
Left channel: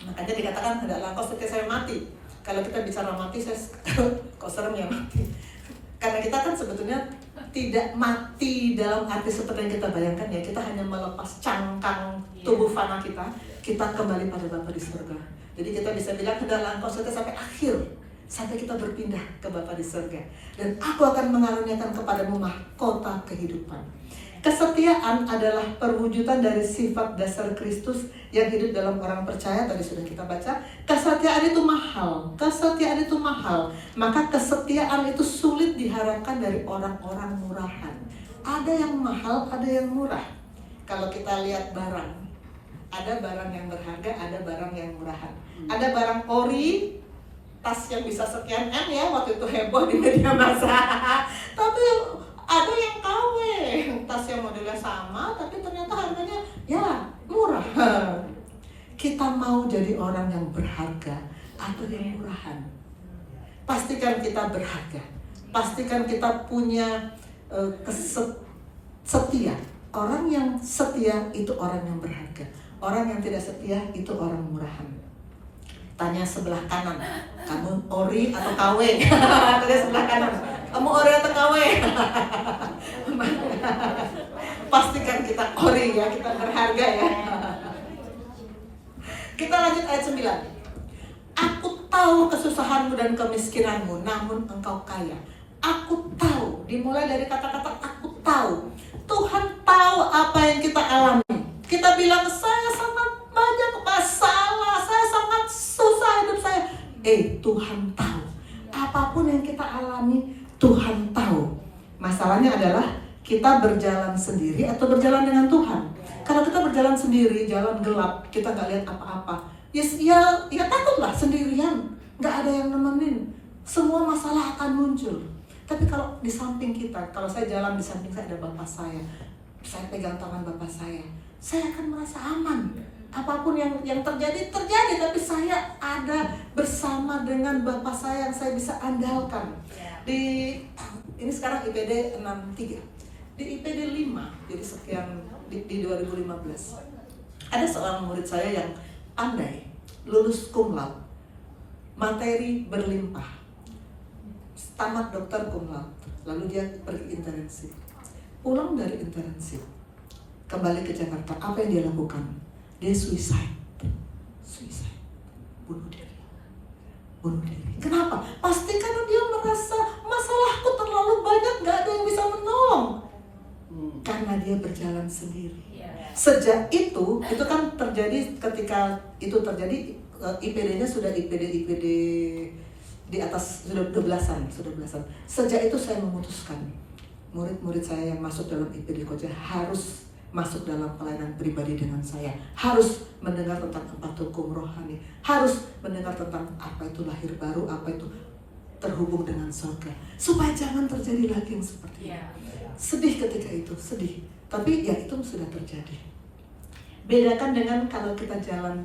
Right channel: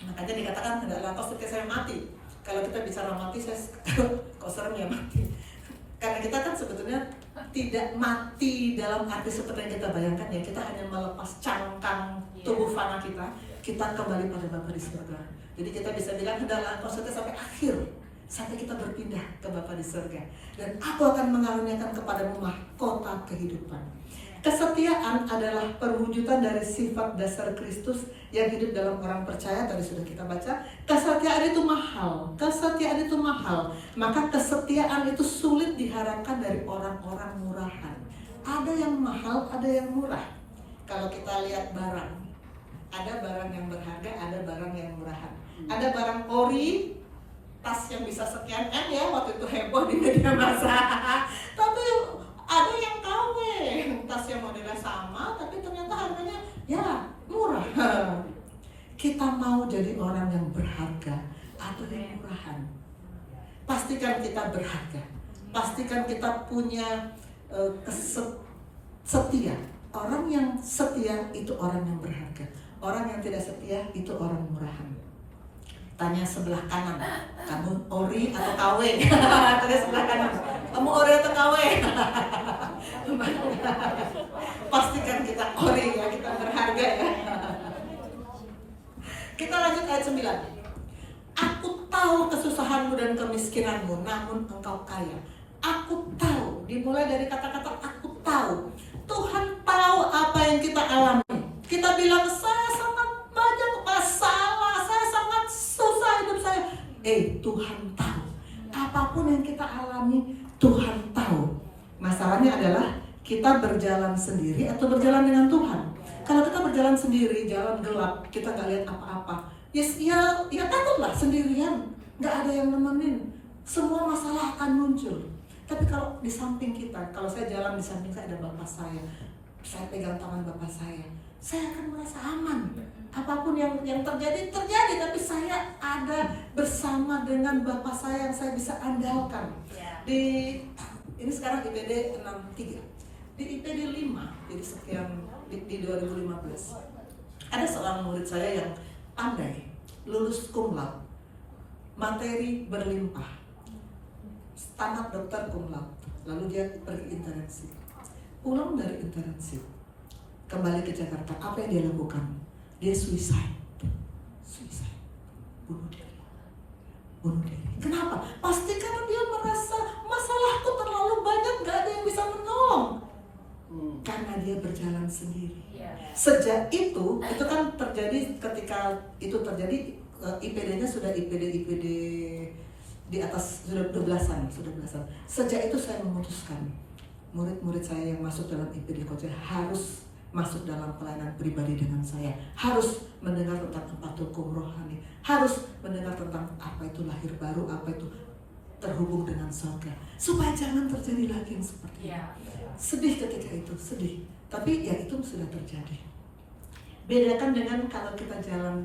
Makanya dikatakan hendaklah engkau setia saya mati. Kalau kita bicara mati, saya kok serem ya mati. Karena kita kan sebetulnya tidak mati dalam arti seperti yang kita bayangkan ya. Kita hanya melepas cangkang tubuh fana kita kembali pada Bapa di surga. Jadi kita bisa bilang hendaklah engkau setia sampai akhir, sampai kita berpindah ke Bapa di surga. Dan aku akan mengaruniakan kepadamu mahkota kehidupan. Kesetiaan adalah perwujudan dari sifat dasar Kristus yang hidup dalam orang percaya. Tadi sudah kita baca. Kesetiaan itu mahal. Kesetiaan itu mahal. Maka kesetiaan itu sulit diharapkan dari orang-orang murahan. Ada yang mahal, ada yang murah. Kalau kita lihat barang, ada barang yang berharga, ada barang yang murahan. Ada barang ori, tas yang bisa sekian M ya, waktu itu heboh di media massa. Tapi ada yang KW, tas yang modelnya sama, tapi ternyata harganya ya murah. Kita mau jadi orang yang berharga atau yang murahan? Pastikan kita berharga. Pastikan kita punya setia. Orang yang setia itu orang yang berharga. Orang yang tidak setia itu orang murahan. Tanya sebelah kanan, kamu ori atau KW? Tanya sebelah kanan, kamu ori atau KW? Pastikan kita ori ya, kita berharga ya. Kita lanjut ayat 9. Aku tahu kesusahanmu dan kemiskinanmu, namun engkau kaya. Aku tahu, dimulai dari kata-kata aku tahu. Tuhan tahu apa yang kita alami. Kita bilang saya sangat banyak masalah, saya sangat susah hidup saya. Tuhan tahu. Apapun yang kita alami, Tuhan tahu. Masalahnya adalah kita berjalan sendiri atau berjalan dengan Tuhan. Kalau kita berjalan sendiri, jalan gelap, kita nggak lihat apa-apa. Ya takutlah sendirian, nggak ada yang nemenin. Semua masalah akan muncul. Tapi kalau di samping kita, kalau saya jalan di samping saya ada Bapak saya pegang tangan Bapak saya akan merasa aman. Apapun yang terjadi, tapi saya ada bersama dengan Bapak saya yang saya bisa andalkan. Ini sekarang IPD 63. Di IPD 5, jadi sekian di 2015. Ada seorang murid saya yang pandai, lulus cum laude, materi berlimpah, tamat dokter cum laude, lalu dia pergi internship. Pulang dari internship, kembali ke Jakarta, apa yang dia lakukan? Dia suicide, bunuh diri. Kenapa? Pasti karena dia merasa masalahku terlalu banyak, gak ada yang bisa menolong. Karena dia berjalan sendiri. Sejak itu kan terjadi ketika itu terjadi, IPD-nya sudah IPD di atas sudah 12-an. Sejak itu saya memutuskan murid-murid saya yang masuk dalam IPD Koja harus masuk dalam pelayanan pribadi dengan saya, harus mendengar tentang apa itu hukum rohani, harus mendengar tentang apa itu lahir baru, apa itu terhubung dengan surga, supaya jangan terjadi lagi yang seperti ini. Sedih ketika itu, sedih, tapi ya itu sudah terjadi. Bedakan dengan kalau kita jalan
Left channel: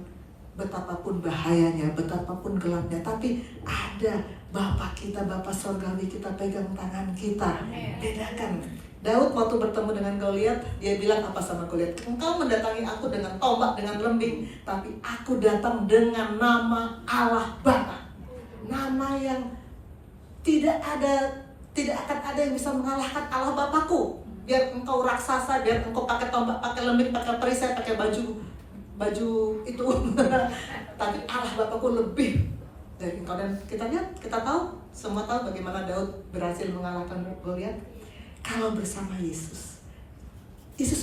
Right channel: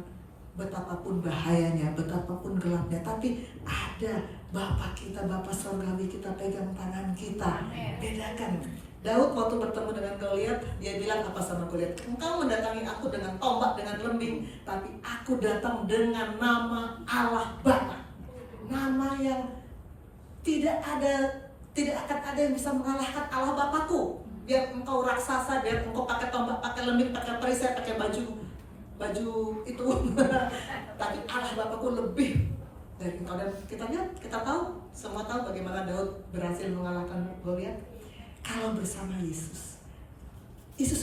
betapapun bahayanya, betapapun gelapnya, tapi ada Bapa kita, Bapa Surgawi kita pegang tangan kita. Bedakan. Daud waktu bertemu dengan Goliat, dia bilang apa sama Goliat? Engkau mendatangi aku dengan tombak, dengan lembing, tapi aku datang dengan nama Allah Bapa. Nama yang tidak akan ada yang bisa mengalahkan Allah Bapakku. Biar engkau raksasa, biar engkau pakai tombak, pakai lembing, pakai perisai, pakai baju itu. Tapi Allah Bapakku lebih dari engkau. Dan kita lihat, kita tahu, semua tahu bagaimana Daud berhasil mengalahkan Goliat. Kalau bersama Yesus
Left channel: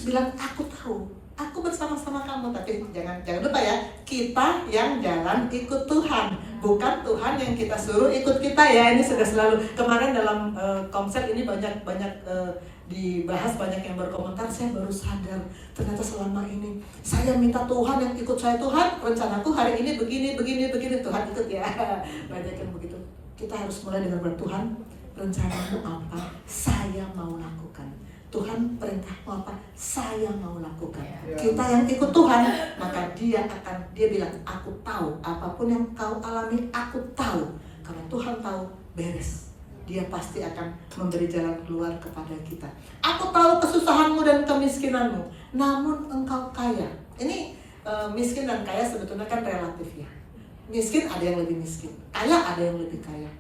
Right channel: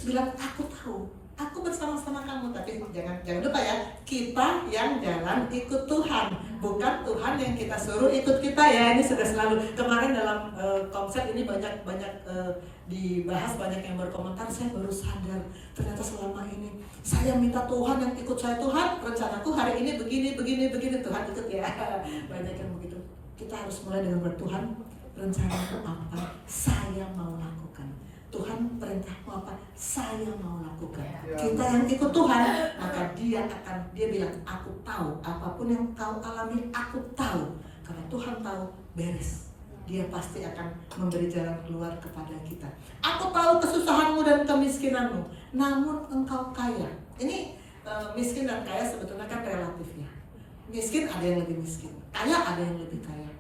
bilang, aku tahu aku bersama-sama kamu. Tapi jangan lupa ya, kita yang jalan ikut Tuhan, bukan Tuhan yang kita suruh ikut kita ya. Ini sudah selalu kemarin dalam konsep ini banyak dibahas, banyak yang berkomentar. Saya baru sadar ternyata selama ini saya minta Tuhan yang ikut saya. Tuhan, rencanaku hari ini begini, Tuhan ikut ya. Banyak yang begitu. Kita harus mulai dengan bertuhan, rencanamu apa? Saya mau lakukan. Tuhan perintahmu apa? Saya mau lakukan. Kita yang ikut Tuhan, maka dia bilang, aku tahu apapun yang kau alami, aku tahu. Kalau Tuhan tahu, beres. Dia pasti akan memberi jalan keluar kepada kita. Aku tahu kesusahanmu dan kemiskinanmu, namun engkau kaya. Ini miskin dan kaya sebetulnya kan relatif ya. Miskin ada yang lebih miskin, kaya ada yang lebih kaya.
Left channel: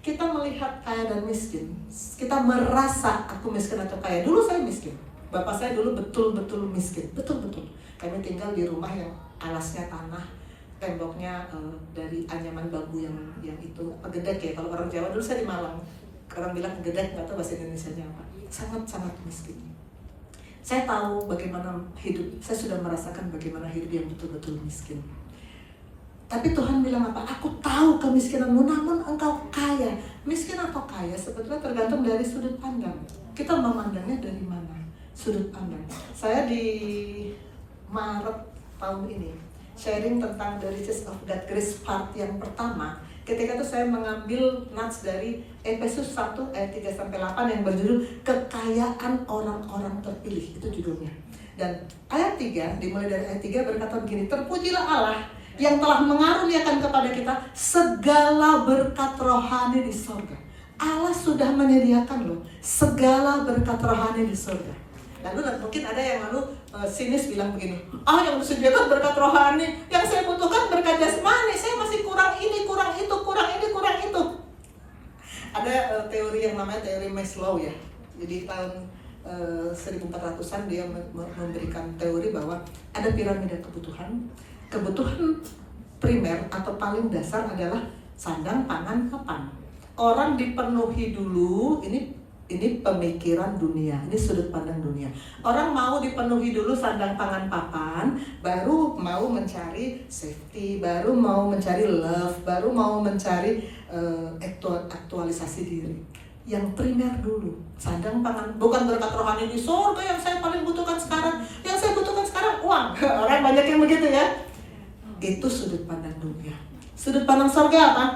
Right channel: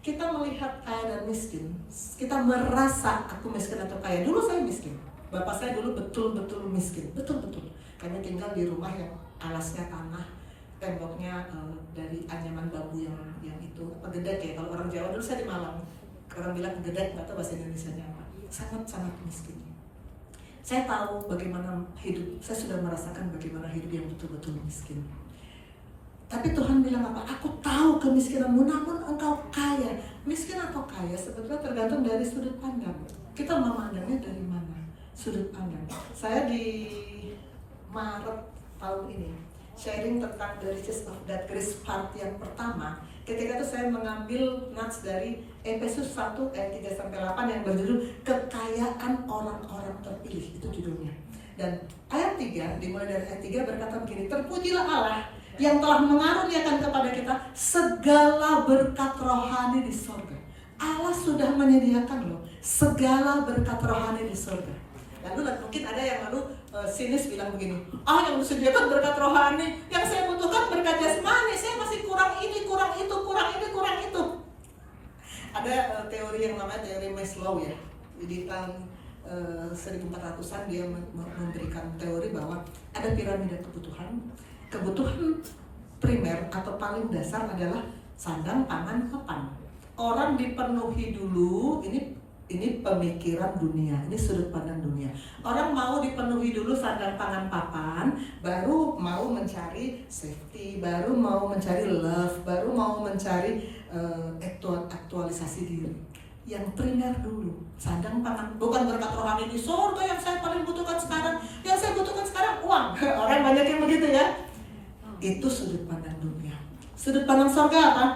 Kita melihat kaya dan miskin, kita merasa aku miskin atau kaya. Dulu saya miskin, bapak saya dulu betul-betul miskin, betul-betul. Kami tinggal di rumah yang alasnya tanah, temboknya dari anyaman bambu yang itu gedek ya. Kalau orang Jawa dulu saya di Malang, orang bilang gedek, nggak tahu bahasa Indonesianya apa. Sangat-sangat miskin. Saya tahu bagaimana hidup, saya sudah merasakan bagaimana hidup yang betul-betul miskin. Tapi Tuhan bilang apa? Aku tahu kemiskinanmu, namun engkau kaya. Miskin atau kaya sebetulnya tergantung dari sudut pandang. Kita memandangnya dari mana? Sudut pandang. Saya di Maret tahun ini sharing tentang The Riches of God's Grace part yang pertama. Ketika itu saya mengambil nats dari Efesus 1 ayat 3-8 yang berjudul Kekayaan Orang-orang Terpilih. Itu judulnya. Dan ayat 3, dimulai dari ayat 3 berkata begini, terpujilah Allah yang telah mengaruniakan kepada kita segala berkat rohani di surga. Allah sudah menyediakan loh segala berkat rohani di surga. Lalu mungkin ada yang sinis bilang begini, yang disediakan berkat rohani, yang saya butuhkan berkat jasmani, saya masih kurang ini, kurang itu, kurang ini, kurang itu. Ada teori yang namanya teori Maslow ya. Jadi tahun 1400-an dia memberikan teori bahwa ada piramida kebutuhan. Kebutuhan primer atau paling dasar adalah sandang, pangan, papan. Orang dipenuhi dulu, ini pemikiran dunia, ini sudut pandang dunia. Orang mau dipenuhi dulu sandang, pangan, papan, baru mau mencari safety, baru mau mencari love, baru mau mencari aktualisasi diri. Yang primer dulu, sandang, pangan, bukan berkat rohani di surga yang saya paling butuhkan sekarang. Yang saya butuhkan sekarang uang. Orang banyak yang begitu ya. Itu sudut pandang dunia. Sudut pandang surga apa?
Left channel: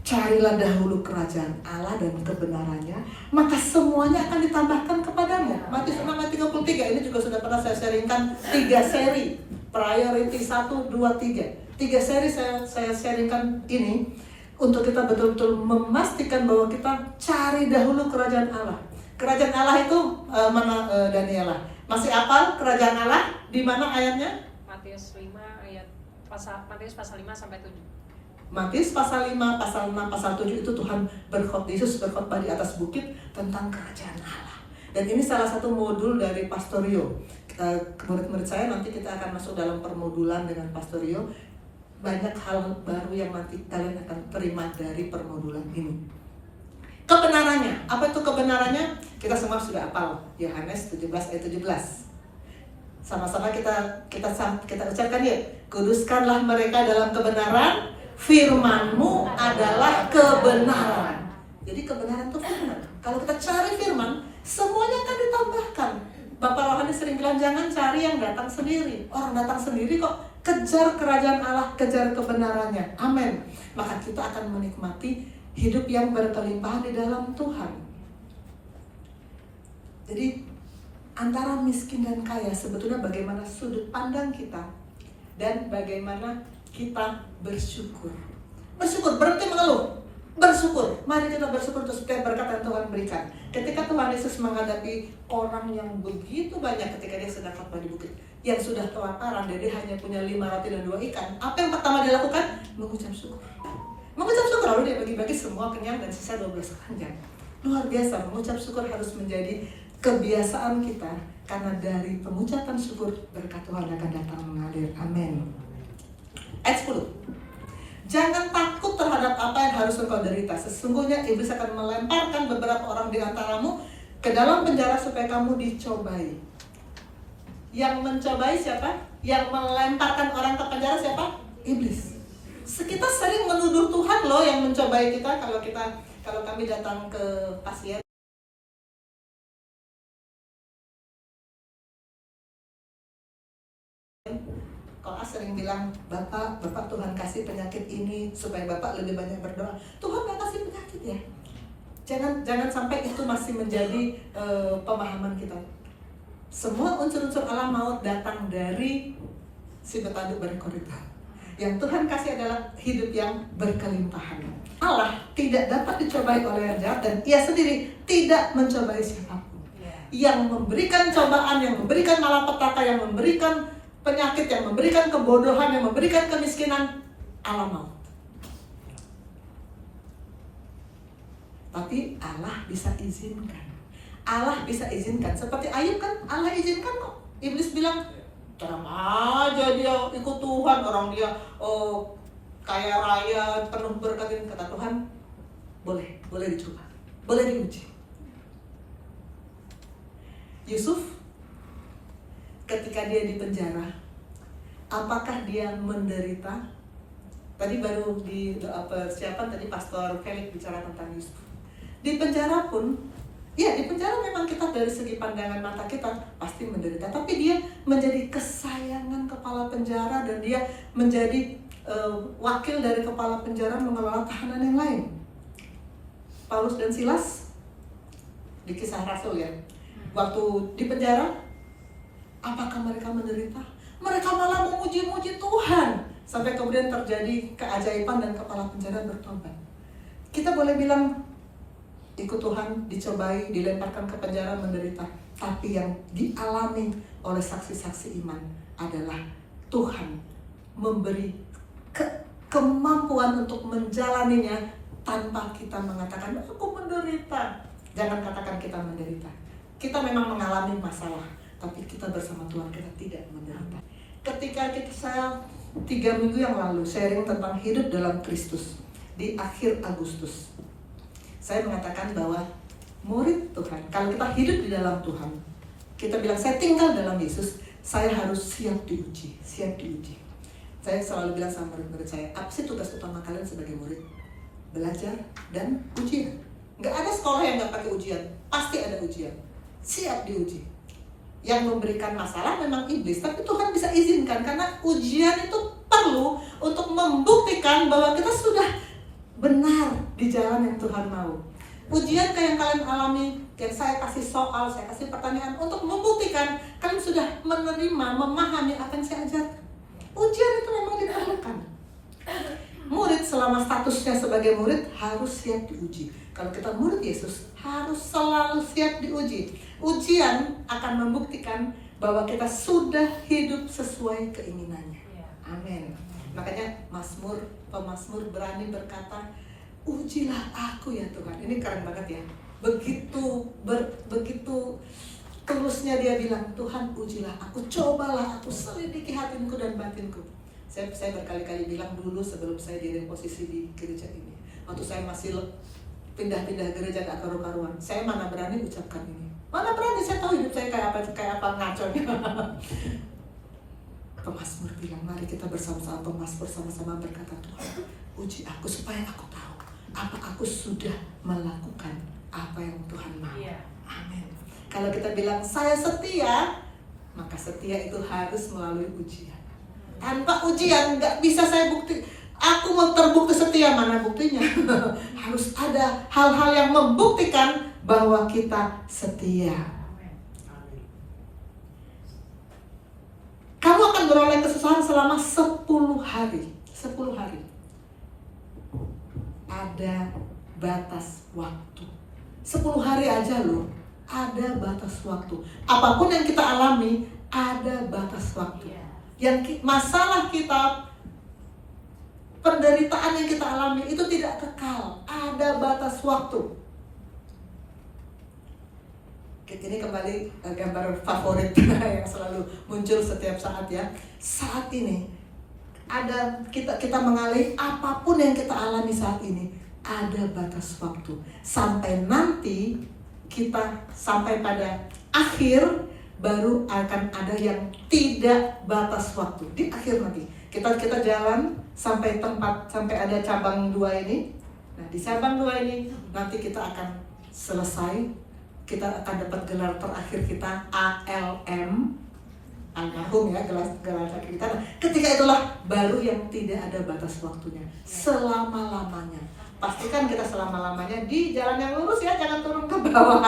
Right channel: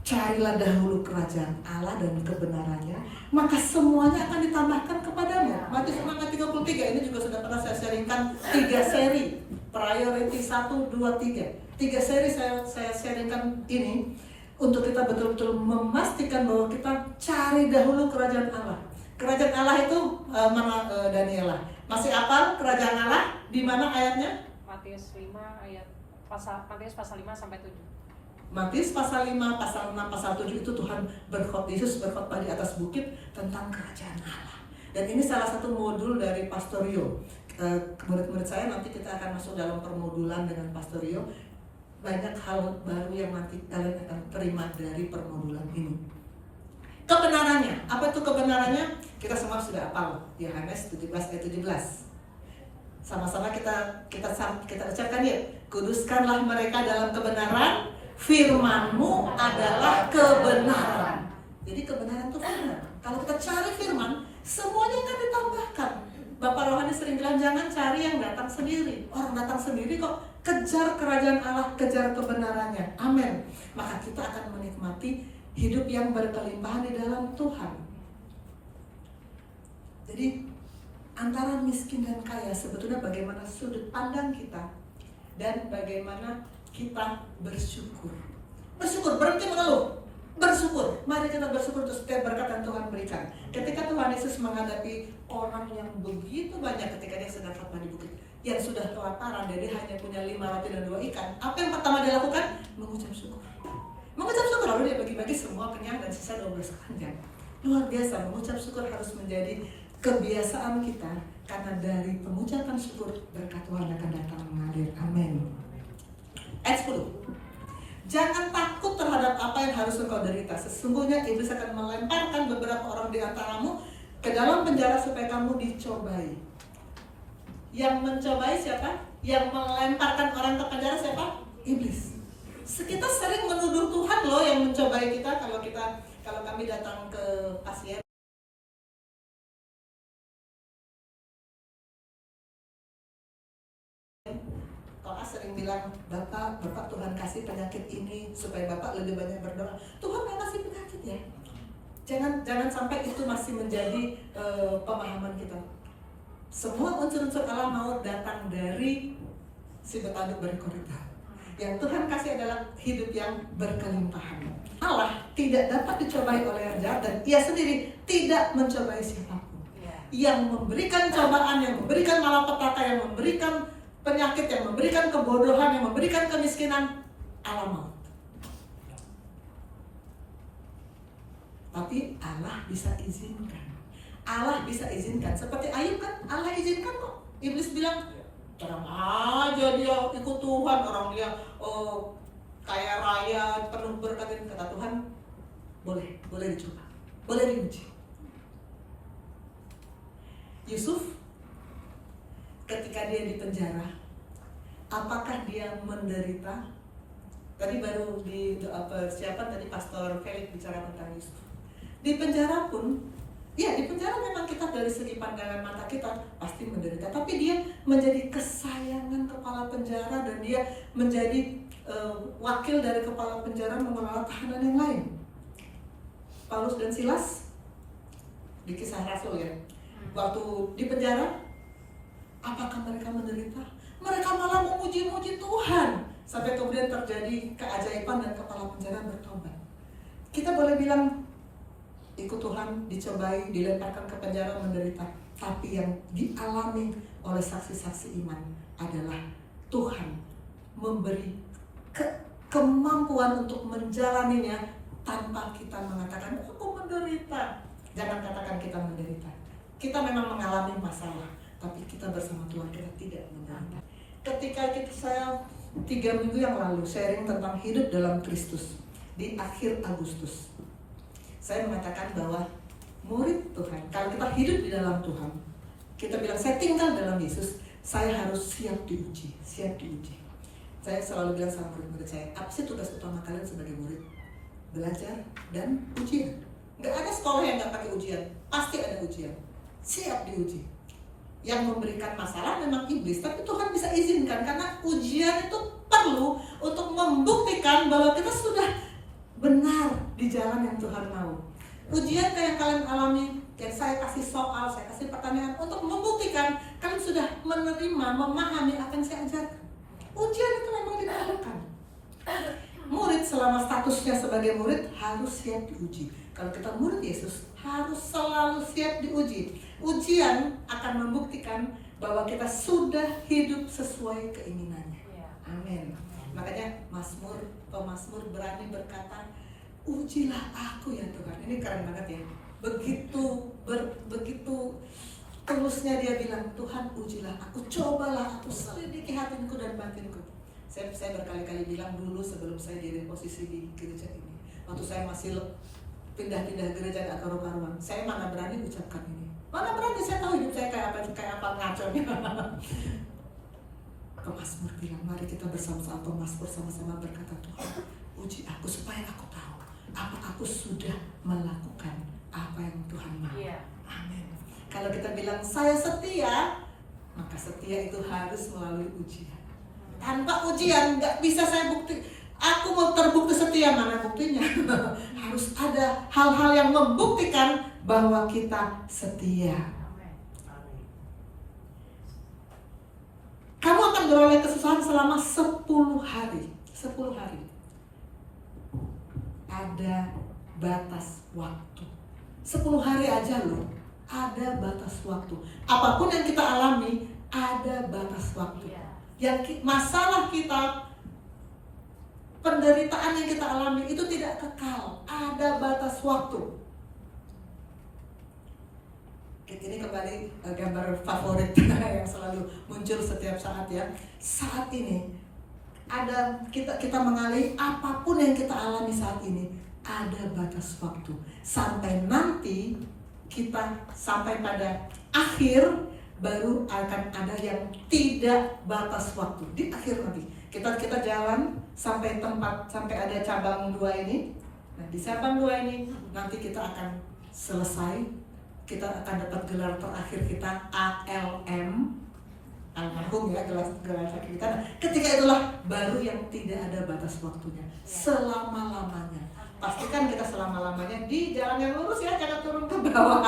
Carilah dahulu kerajaan Allah dan kebenarannya, maka semuanya akan ditambahkan kepadamu. Matius 6 ayat 33, ini juga sudah pernah saya sharingkan 3 seri. Priority 1, 2, 3. 3 seri saya sharingkan ini untuk kita betul-betul memastikan bahwa kita cari dahulu kerajaan Allah. Kerajaan Allah itu mana Daniela? Masih hafal kerajaan Allah? Di mana ayatnya? Matius 5 ayat Matius pasal 5 sampai 7. Matius pasal 5, pasal 6, pasal 7 itu Tuhan Yesus berkhotbah di atas bukit tentang kerajaan Allah. Dan ini salah satu modul dari Pastorio. Murid-murid saya nanti kita akan masuk dalam permodulan dengan Pastorio. Banyak hal baru yang nanti kalian akan terima dari permodulan ini. Kebenarannya, apa itu kebenarannya? Kita semua sudah hafal Yohanes 17 ayat 17. Sama-sama kita ucapkan ya. Kuduskanlah mereka dalam kebenaran, firman-Mu adalah kebenaran. Jadi kebenaran itu firman. Kalau kita cari firman, semuanya akan ditambahkan. Bapak rohani sering bilang jangan cari yang datang sendiri. Orang datang sendiri kok. Kejar kerajaan Allah, kejar kebenarannya. Amin. Maka kita akan menikmati hidup yang berkelimpahan di dalam Tuhan. Jadi antara miskin dan kaya sebetulnya bagaimana sudut pandang kita dan bagaimana kita bersyukur. Bersyukur, berhenti mengeluh. Bersyukur, mari kita bersyukur untuk setiap berkat yang Tuhan berikan. Ketika Tuhan Yesus menghadapi orang yang begitu banyak ketika dia sedang khotbah di bukit, yang sudah kelaparan, dia hanya punya 5 roti dan 2 ikan. Apa yang pertama dia lakukan? Mengucap syukur. Mengucap syukur, lalu dia bagi-bagi semua kenyang dan sisa 12 keranjang. Luar biasa, mengucap syukur harus menjadi kebiasaan kita, karena dari pengucapan syukur berkat Tuhan akan datang mengalir. Amin. Ayat 10. Jangan takut terhadap apa yang harus engkau derita. Sesungguhnya iblis akan melemparkan beberapa orang di antaramu ke dalam penjara supaya kamu dicobai. Yang mencobai siapa? Yang melemparkan orang ke penjara siapa? Iblis. Kita sering menuduh Tuhan loh yang mencobai kita. Kalau kami datang ke pasien, kalau sering bilang, Bapak Tuhan kasih penyakit ini supaya Bapak lebih banyak berdoa. Tuhan nggak kasih penyakit ya. Jangan sampai itu masih menjadi pemahaman kita. Semua unsur-unsur alam maut datang dari si bertanduk berkorita. Yang Tuhan kasih adalah hidup yang berkelimpahan. Allah tidak dapat dicobai oleh yang jahat dan Ia sendiri tidak mencobai siapapun. Yang memberikan cobaan, yang memberikan malapetaka, yang memberikan penyakit, yang memberikan kebodohan, yang memberikan kemiskinan, alam maut. Tapi Allah bisa izinkan. Allah bisa izinkan. Seperti Ayub kan Allah izinkan kok. Iblis bilang, tenang aja dia ikut Tuhan, orang dia kaya raya, penuh berkat. Kata Tuhan, boleh dicoba, boleh diuji. Yusuf ketika dia di penjara, apakah dia menderita? Tadi baru di doa persiapan tadi Pastor Felix bicara tentang Yusuf. Di penjara pun, ya di penjara memang kita dari segi pandangan mata kita pasti menderita. Tapi dia menjadi kesayangan kepala penjara dan dia menjadi wakil dari kepala penjara mengelola tahanan yang lain. Paulus dan Silas di Kisah Rasul ya, waktu di penjara, apakah mereka menderita? Mereka malah memuji-muji Tuhan sampai kemudian terjadi keajaiban dan kepala penjara bertobat. Kita boleh bilang ikut Tuhan, dicobai, dilemparkan ke penjara, menderita. Tapi yang dialami oleh saksi-saksi iman adalah Tuhan memberi kemampuan untuk menjalaninya tanpa kita mengatakan, aku menderita. Jangan katakan kita menderita. Kita memang mengalami masalah, tapi kita bersama Tuhan kita tidak menderita. Ketika saya 3 minggu yang lalu sharing tentang hidup dalam Kristus di akhir Agustus, saya mengatakan bahwa murid Tuhan, kalau kita hidup di dalam Tuhan, kita bilang saya tinggal dalam Yesus, saya harus siap diuji. Saya selalu bilang sama murid-murid saya, apa sih tugas utama kalian sebagai murid? Belajar dan ujian. Nggak ada sekolah yang nggak pakai ujian, pasti ada ujian. Siap diuji. Yang memberikan masalah memang iblis, tapi Tuhan bisa izinkan karena ujian itu perlu untuk membuktikan bahwa kita sudah benar di jalan yang Tuhan mau. Ujian kayak yang kalian alami, yang saya kasih soal, saya kasih pertanyaan untuk membuktikan kalian sudah menerima, memahami apa yang saya ajarkan. Ujian itu memang diperlukan. Murid selama statusnya sebagai murid harus siap diuji. Kalau kita murid Yesus harus selalu siap diuji. Ujian akan membuktikan bahwa kita sudah hidup sesuai keinginannya. Amin. Makanya pemazmur berani berkata, ujilah aku ya Tuhan. Ini keren banget ya. Begitu tulusnya dia bilang, Tuhan ujilah aku, cobalah aku, selidiki hatinku dan batinku. Saya berkali-kali bilang dulu sebelum saya jadi posisi di gereja ini, waktu saya masih pindah-pindah gereja atau rumah-rumah, saya mana berani ucapkan ini. Mana berani, saya tahu hidup saya kayak apa ngaconya. Pemazmur bilang, mari kita bersama-sama pemazmur sama-sama berkata, Tuhan uji aku supaya aku tahu apa aku sudah melakukan apa yang Tuhan mau. Amin. Kalau kita bilang saya setia, maka setia itu harus melalui ujian. Tanpa ujian nggak bisa saya bukti. Aku mau terbukti setia, mana buktinya? Harus ada hal-hal yang membuktikan bahwa kita setia. Kamu akan beroleh kesusahan selama 10 hari. 10 hari. Ada batas waktu. 10 hari aja loh. Ada batas waktu. Apapun yang kita alami, ada batas waktu. Yang masalah kita, penderitaan yang kita alami itu tidak kekal. Ada batas waktu. Ini kembali gambar favorit yang selalu muncul setiap saat ya. Saat ini ada kita mengalami apapun yang kita alami saat ini, ada batas waktu. Sampai nanti kita sampai pada akhir, baru akan ada yang tidak batas waktu. Di akhir nanti kita jalan sampai tempat, sampai ada cabang 2 ini. Nah, di cabang 2 ini nanti kita akan selesai. Kita akan dapat gelar terakhir kita ALM, almarhum ya, gelar terakhir kita. Nah, ketika itulah baru yang tidak ada batas waktunya, selama-lamanya. Pastikan kita selama-lamanya di jalan yang lurus ya, jangan turun ke bawah.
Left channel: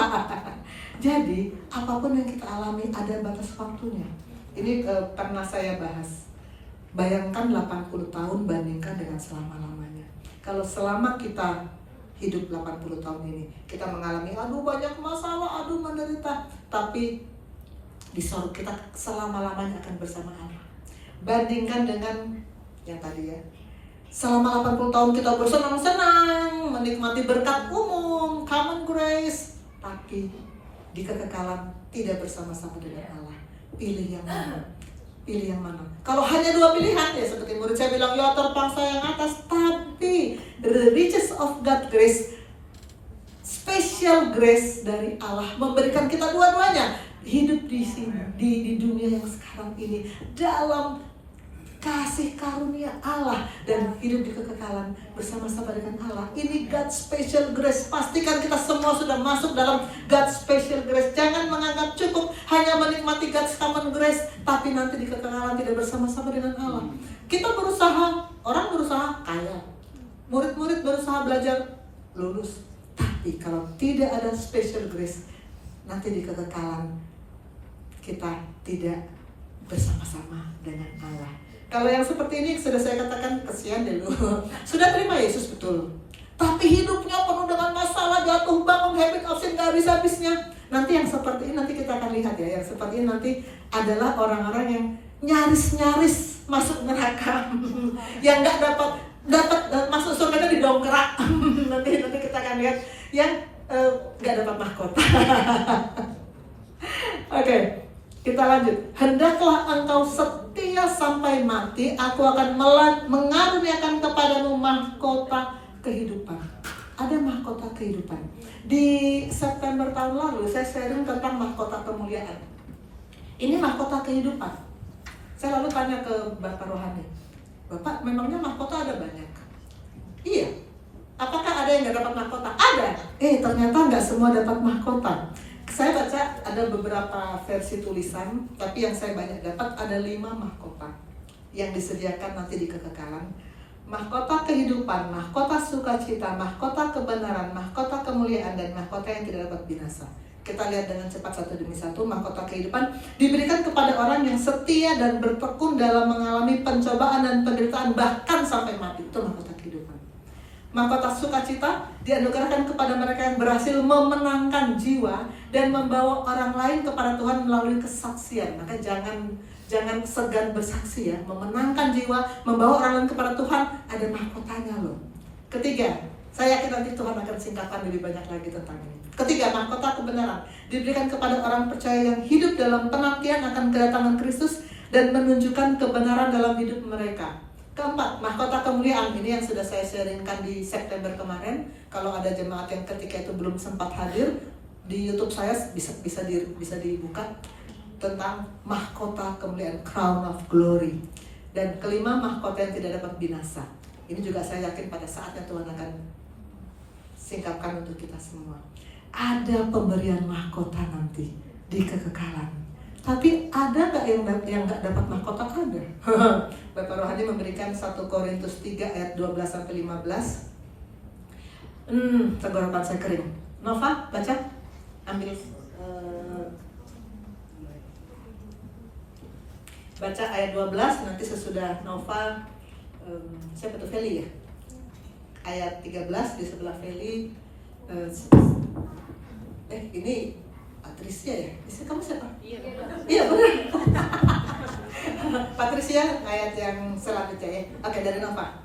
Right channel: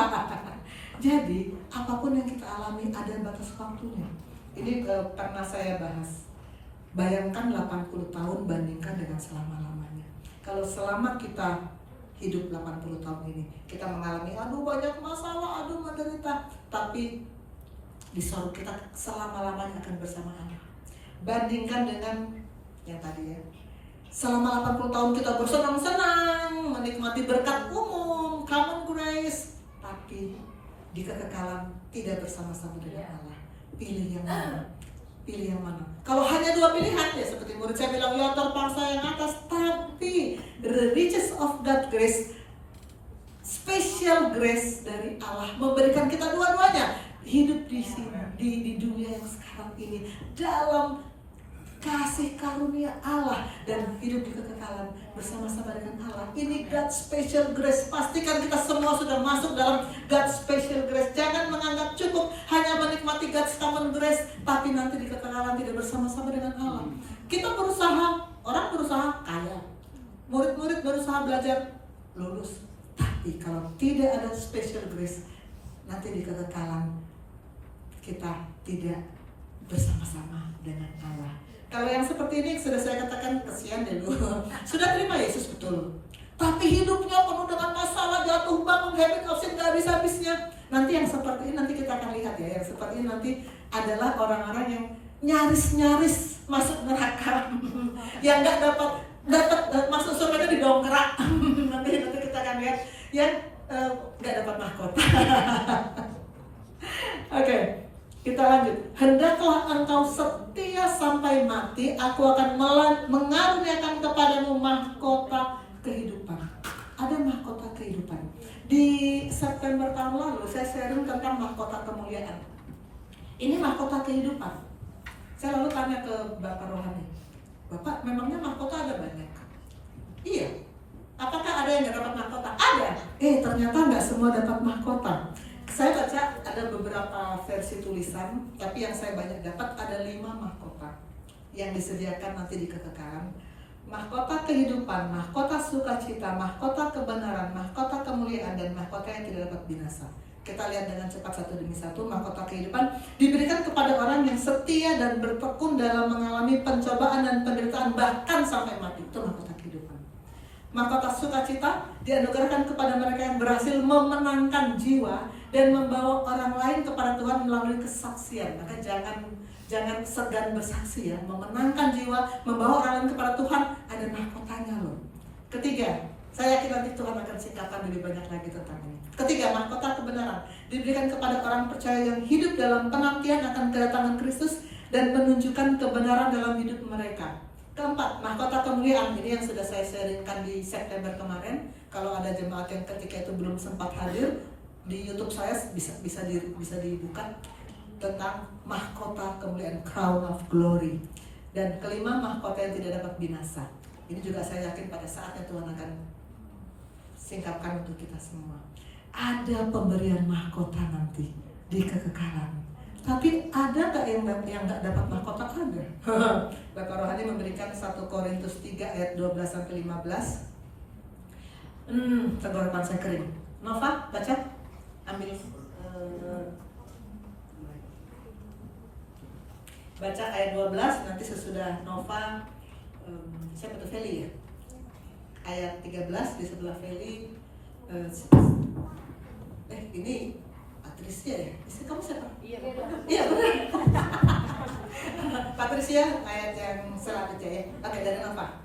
Jadi apapun yang kita alami ada batas waktunya. Ini pernah saya bahas. Bayangkan 80 tahun bandingkan dengan selama-lamanya. Kalau selama kita hidup 80 tahun ini, kita mengalami aduh banyak masalah, aduh menderita, tapi di sorga kita selama-lamanya akan bersama Allah. Bandingkan dengan yang tadi ya, selama 80 tahun kita bersenang-senang, menikmati berkat umum, common grace, tapi di kekekalan tidak bersama-sama dengan Allah. Pilih yang mana? Pilih yang mana? Kalau hanya 2 pilihan ya, seperti murid saya bilang, ya terpaksa yang atas. Tapi the riches of God grace, special grace dari Allah memberikan kita dua-duanya. Hidup di sini, di dunia yang sekarang ini dalam kasih karunia Allah dan hidup di kekekalan bersama-sama dengan Allah. Ini God's special grace. Pastikan kita semua sudah masuk dalam God's special grace. Jangan menganggap cukup hanya menikmati God's common grace, tapi nanti di kekekalan tidak bersama-sama dengan Allah. Kita berusaha, orang berusaha kaya, murid-murid berusaha belajar lulus, tapi kalau tidak ada special grace, nanti di kekekalan kita tidak bersama-sama dengan Allah. Kalau yang seperti ini sudah saya katakan kesian dulu. Sudah terima Yesus betul, tapi hidupnya penuh dengan masalah, jatuh bangun, habit of sin gak habis-habisnya. Nanti yang seperti ini nanti kita akan lihat ya. Yang seperti ini nanti adalah orang-orang yang nyaris-nyaris masuk neraka, yang nggak dapat masuk surga didongkrak. nanti kita akan lihat yang nggak dapat mahkota. Oke. Kita lanjut. Hendaklah engkau setia sampai mati, aku akan mengaruniakan kepadamu mahkota kehidupan. Ada mahkota kehidupan. Di September tahun lalu saya sharing tentang mahkota kemuliaan. Ini mahkota kehidupan. Saya lalu tanya ke Bapak Rohani, Bapak, memangnya mahkota ada banyak? Iya. Apakah ada yang nggak dapat mahkota? Ada. Ternyata nggak semua dapat mahkota. Saya baca ada beberapa versi tulisan, tapi yang saya banyak dapat ada 5 mahkota yang disediakan nanti di kekekalan. Mahkota kehidupan, mahkota sukacita, mahkota kebenaran, mahkota kemuliaan, dan mahkota yang tidak dapat binasa. Kita lihat dengan cepat satu demi satu. Mahkota kehidupan diberikan kepada orang yang setia dan bertekun dalam mengalami pencobaan dan penderitaan bahkan sampai mati. Itu mahkota kehidupan. Mahkota sukacita dianugerahkan kepada mereka yang berhasil memenangkan jiwa dan membawa orang lain kepada Tuhan melalui kesaksian. Maka jangan segan bersaksi ya. Memenangkan jiwa, membawa orang lain kepada Tuhan, ada mahkotanya loh. Ketiga, saya yakin nanti Tuhan akan singkatkan lebih banyak lagi tentang ini. Ketiga, mahkota kebenaran diberikan kepada orang percaya yang hidup dalam penantian akan kedatangan Kristus dan menunjukkan kebenaran dalam hidup mereka. Keempat, mahkota kemuliaan. Ini yang sudah saya sharingkan di September kemarin. Kalau ada jemaat yang ketika itu belum sempat hadir, di YouTube saya bisa dibuka tentang mahkota kemuliaan, crown of glory. Dan kelima, mahkota yang tidak dapat binasa. Ini juga saya yakin pada saatnya Tuhan akan singkapkan untuk kita semua. Ada pemberian mahkota nanti di kekekalan. Tapi ada nggak yang nggak dapat mahkota? Ada. Bapak Rohani memberikan 1 Korintus 3 ayat 12-15. Tenggorokan saya kering. Nova, baca. Ambil. Baca ayat 12, nanti sesudah Nova, siapa tuh, Feli ya? Ayat 13 di sebelah Feli. Ini Patricia ya? Istri kamu siapa? Iya benar. Patricia ayat yang selanjutnya ya. Oke, dari Nova.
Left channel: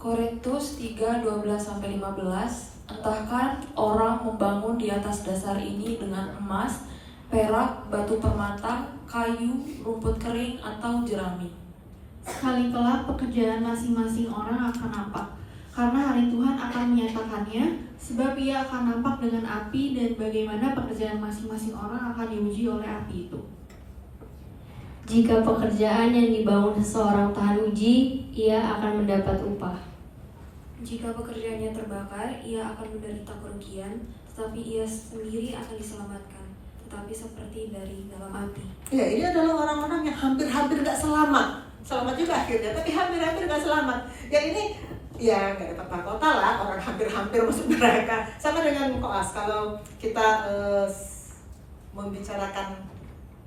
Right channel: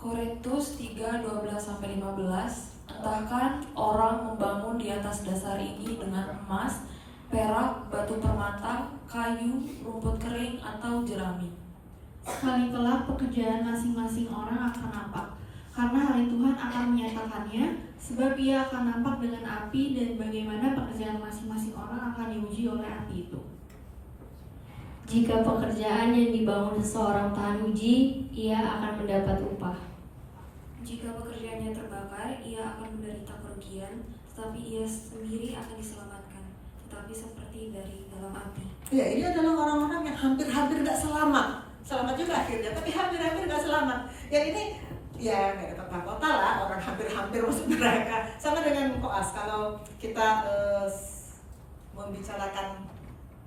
Korintus 3, 12-15. Entahkan orang membangun di atas dasar ini dengan emas, perak, batu permata, kayu, rumput kering, atau jerami. Sekali kelak pekerjaan masing-masing orang akan nampak. karena hari Tuhan akan menyatakannya, sebab ia akan nampak dengan api dan bagaimana pekerjaan masing-masing orang akan diuji oleh api itu. Jika pekerjaan yang dibangun seseorang tahan uji, ia akan mendapat upah. Jika pekerjaannya terbakar, ia akan menderita kerugian, tetapi ia sendiri akan diselamatkan, tetapi seperti dari dalam api. Ya, ini adalah orang-orang yang hampir-hampir gak selamat. Selamat juga akhirnya, tapi hampir-hampir gak selamat. Yang ini, ya gak dapat mahkota lah, orang hampir-hampir masuk neraka. Sama dengan koas, kalau kita membicarakan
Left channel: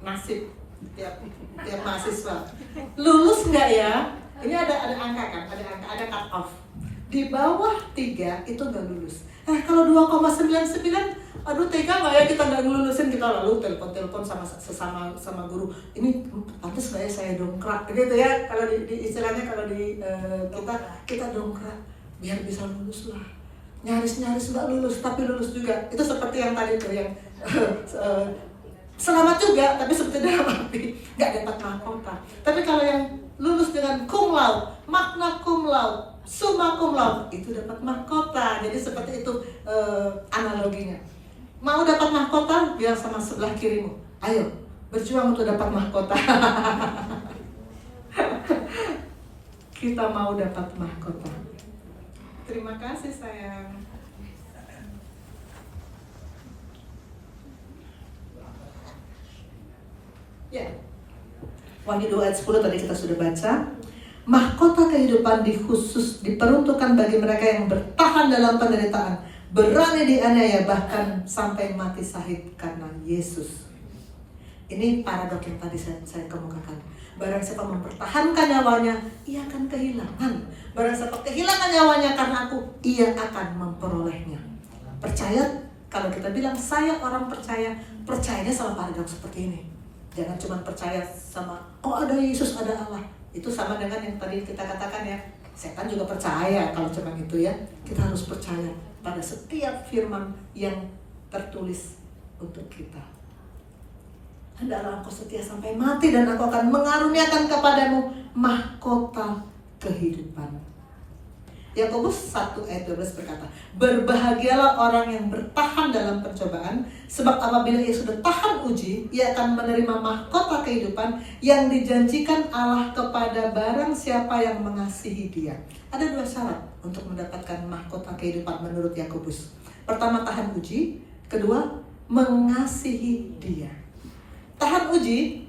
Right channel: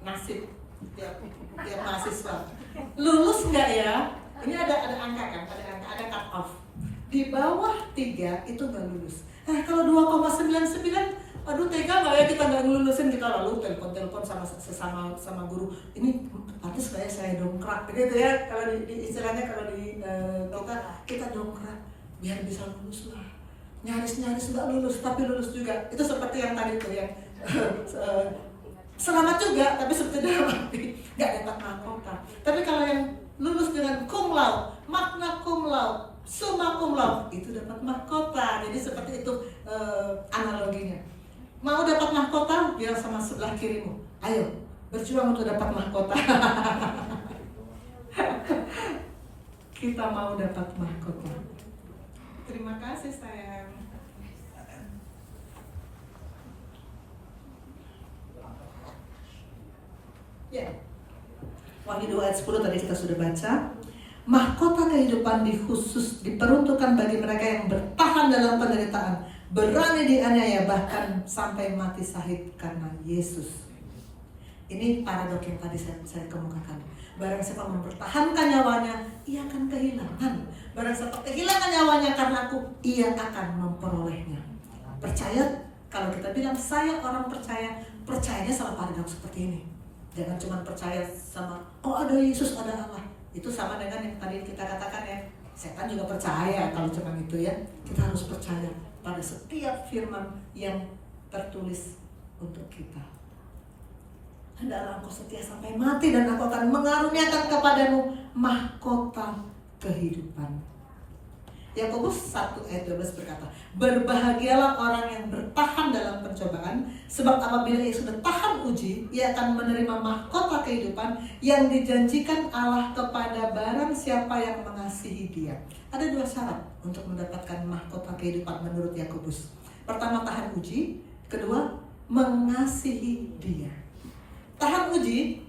nasib tiap mahasiswa. Lulus nggak ya? Ini ada angka kan, ada cut off. Di bawah 3 itu nggak lulus. Nah kalau 2,99, aduh tega nggak ya kita nggak ngelulusin, kita lalu telepon sama guru. Ini pantas nggak ya saya dongkrak gitu ya? Kalau di istilahnya kalau di kita dongkrak biar bisa lulus lah. Nyaris nggak lulus tapi lulus juga. Itu seperti yang tadi tuh yang selamat juga, tapi seperti dalam api, nggak dapat mahkota. Tapi kalau yang lulus dengan cum laude, magna cum laude, summa cum laude, itu dapat mahkota. Jadi seperti itu analoginya. Mau dapat mahkota, biar sama sebelah kirimu. Ayo, berjuang untuk dapat mahkota. Kita mau dapat mahkota. Terima kasih sayang. Ya, Wahyu 2 ayat 10 tadi kita sudah baca. Mahkota kehidupan diperuntukkan bagi mereka yang bertahan dalam penderitaan, berani dianiaya bahkan sampai mati syahid karena Yesus. Ini paradok yang tadi saya kemukakan. Barang siapa mempertahankan nyawanya, ia akan kehilangan. Barang siapa kehilangan nyawanya karena aku, ia akan memperolehnya. Percaya, kalau kita bilang saya orang percaya, percayanya sama paradok seperti ini. Jangan cuma percaya sama, oh ada Yesus, ada Allah. Itu sama dengan yang tadi kita katakan ya, setan juga percaya kalau cuma itu ya. Kita harus percaya pada setiap firman yang tertulis untuk kita. Hendaklah engkau setia sampai mati dan aku akan mengaruniakan kepadamu mahkota kehidupan. Yakobus 1 ayat 12 berkata, berbahagialah orang yang bertahan dalam pencobaan, sebab apabila ia sudah tahan uji, ia akan menerima mahkota kehidupan yang dijanjikan Allah kepada barang siapa yang mengasihi dia. Ada 2 syarat untuk mendapatkan mahkota kehidupan menurut Yakobus. Pertama, tahan uji. Kedua, mengasihi dia. Tahan uji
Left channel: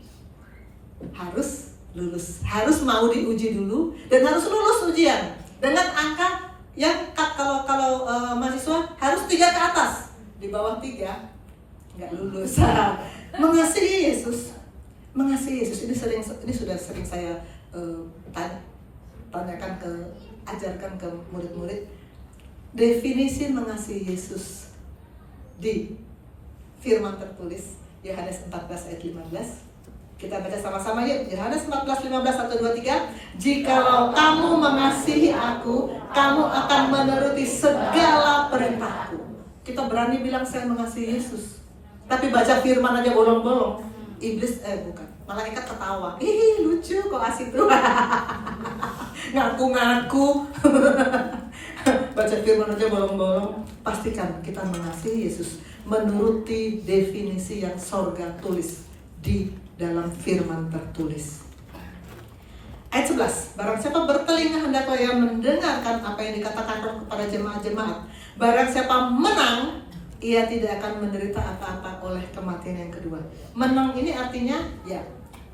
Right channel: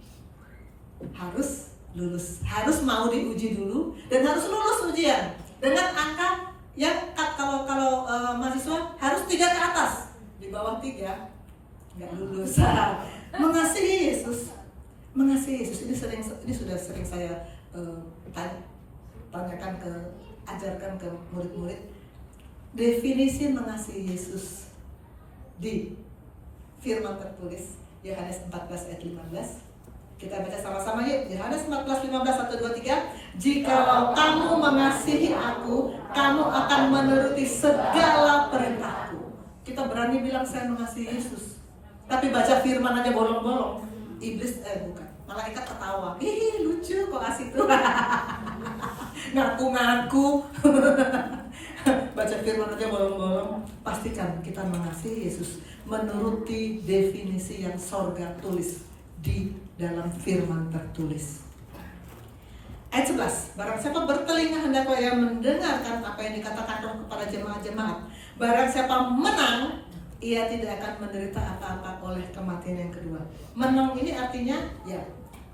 harus lulus, harus mau diuji dulu dan harus lulus ujian. Dengan angka yang kalau mahasiswa harus 3 ke atas, di bawah 3 nggak lulus. Mengasihi Yesus, ini sudah sering saya tanyakan ajarkan ke murid-murid. Definisi mengasihi Yesus di firman tertulis Yohanes 14 ayat 15. Kita baca sama-sama yuk. Yohanes 14, 15, 1, 2, 3. Jikalau kamu mengasihi aku, kamu akan menuruti segala perintahku. Kita berani bilang saya mengasihi Yesus, tapi baca firman aja bolong-bolong. Iblis, bukan, malaikat ketawa. Ih lucu kok asik tuh. Ngaku-ngaku. Baca firman aja bolong-bolong. Pastikan kita mengasihi Yesus menuruti definisi yang sorga tulis di dalam firman tertulis. Ayat 11, barang siapa bertelinga hendaklah ia mendengarkan apa yang dikatakan Roh kepada jemaat-jemaat. Barang siapa menang, ia tidak akan menderita apa-apa oleh kematian yang kedua. Menang ini artinya ya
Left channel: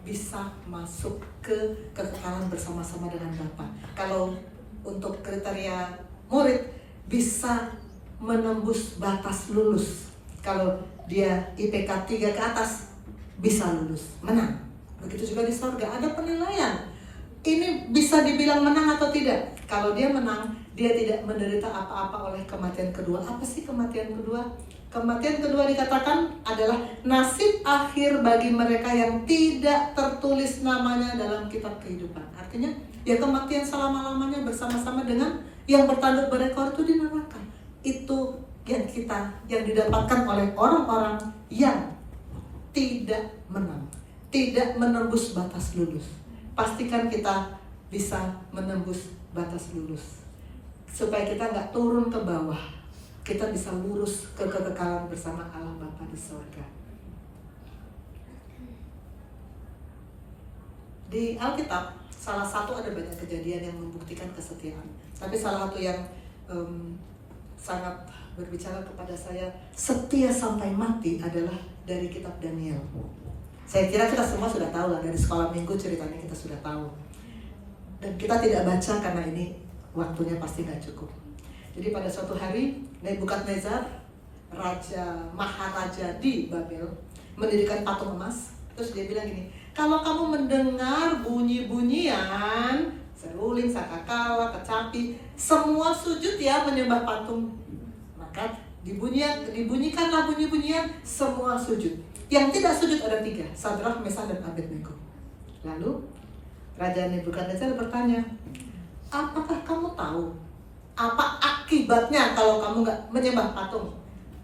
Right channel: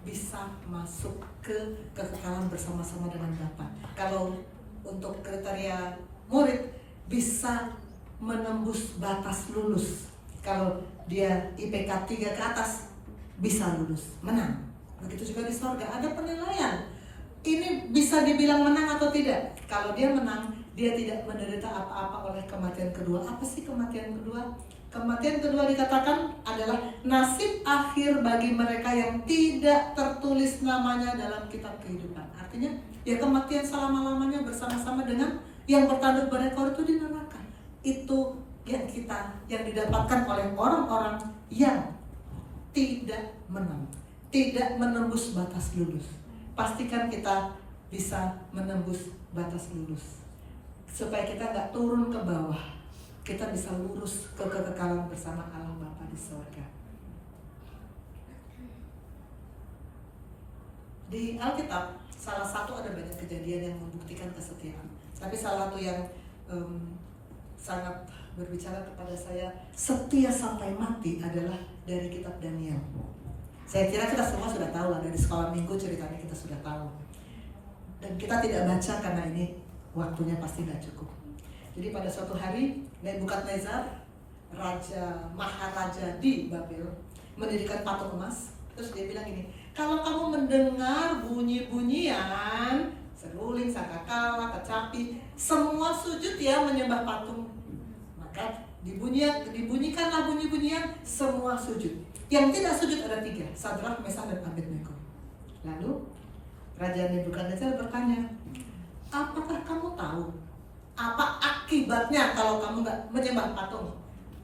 bisa masuk ke kekekalan bersama-sama dengan Bapa. Kalau untuk kriteria murid bisa menembus batas lulus. Kalau dia IPK 3 ke atas bisa lulus, menang. Begitu juga di surga ada penilaian. Ini bisa dibilang menang atau tidak. Kalau dia menang, dia tidak menderita apa-apa oleh kematian kedua. Apa sih kematian kedua? Kematian kedua dikatakan adalah nasib akhir bagi mereka yang tidak tertulis namanya dalam kitab kehidupan. Artinya ya kematian selama-lamanya bersama-sama dengan yang bertanduk berekor itu di neraka. Itu yang didapatkan oleh orang-orang yang tidak menang, tidak menembus batas lulus. Pastikan kita bisa menembus batas lulus. supaya kita nggak turun ke bawah, kita bisa lurus ke kekekalan bersama Allah Bapa di surga. Di Alkitab salah satu ada banyak kejadian yang membuktikan kesetiaan, tapi salah satu yang sangat berbicara kepada saya setia sampai mati adalah dari kitab Daniel. Saya kira kita semua sudah tahu lah, dari sekolah minggu ceritanya kita sudah tahu. Dan kita tidak baca karena ini waktunya pasti nggak cukup. Jadi pada suatu hari Nebukadnezar, maharaja di Babel, mendirikan patung emas. Terus dia bilang gini, kalau kamu mendengar bunyi-bunyian, seruling, sangkakala, kecapi, semua sujud ya menyembah patung. Maka dibunyikanlah bunyi-bunyian, semua sujud. Yang tidak sujud ada 3, Sadrak, Mesakh, dan Abednego. Lalu Raja Nebukadnezar bertanya, apakah kamu tahu apa akibatnya kalau kamu nggak menyembah patung?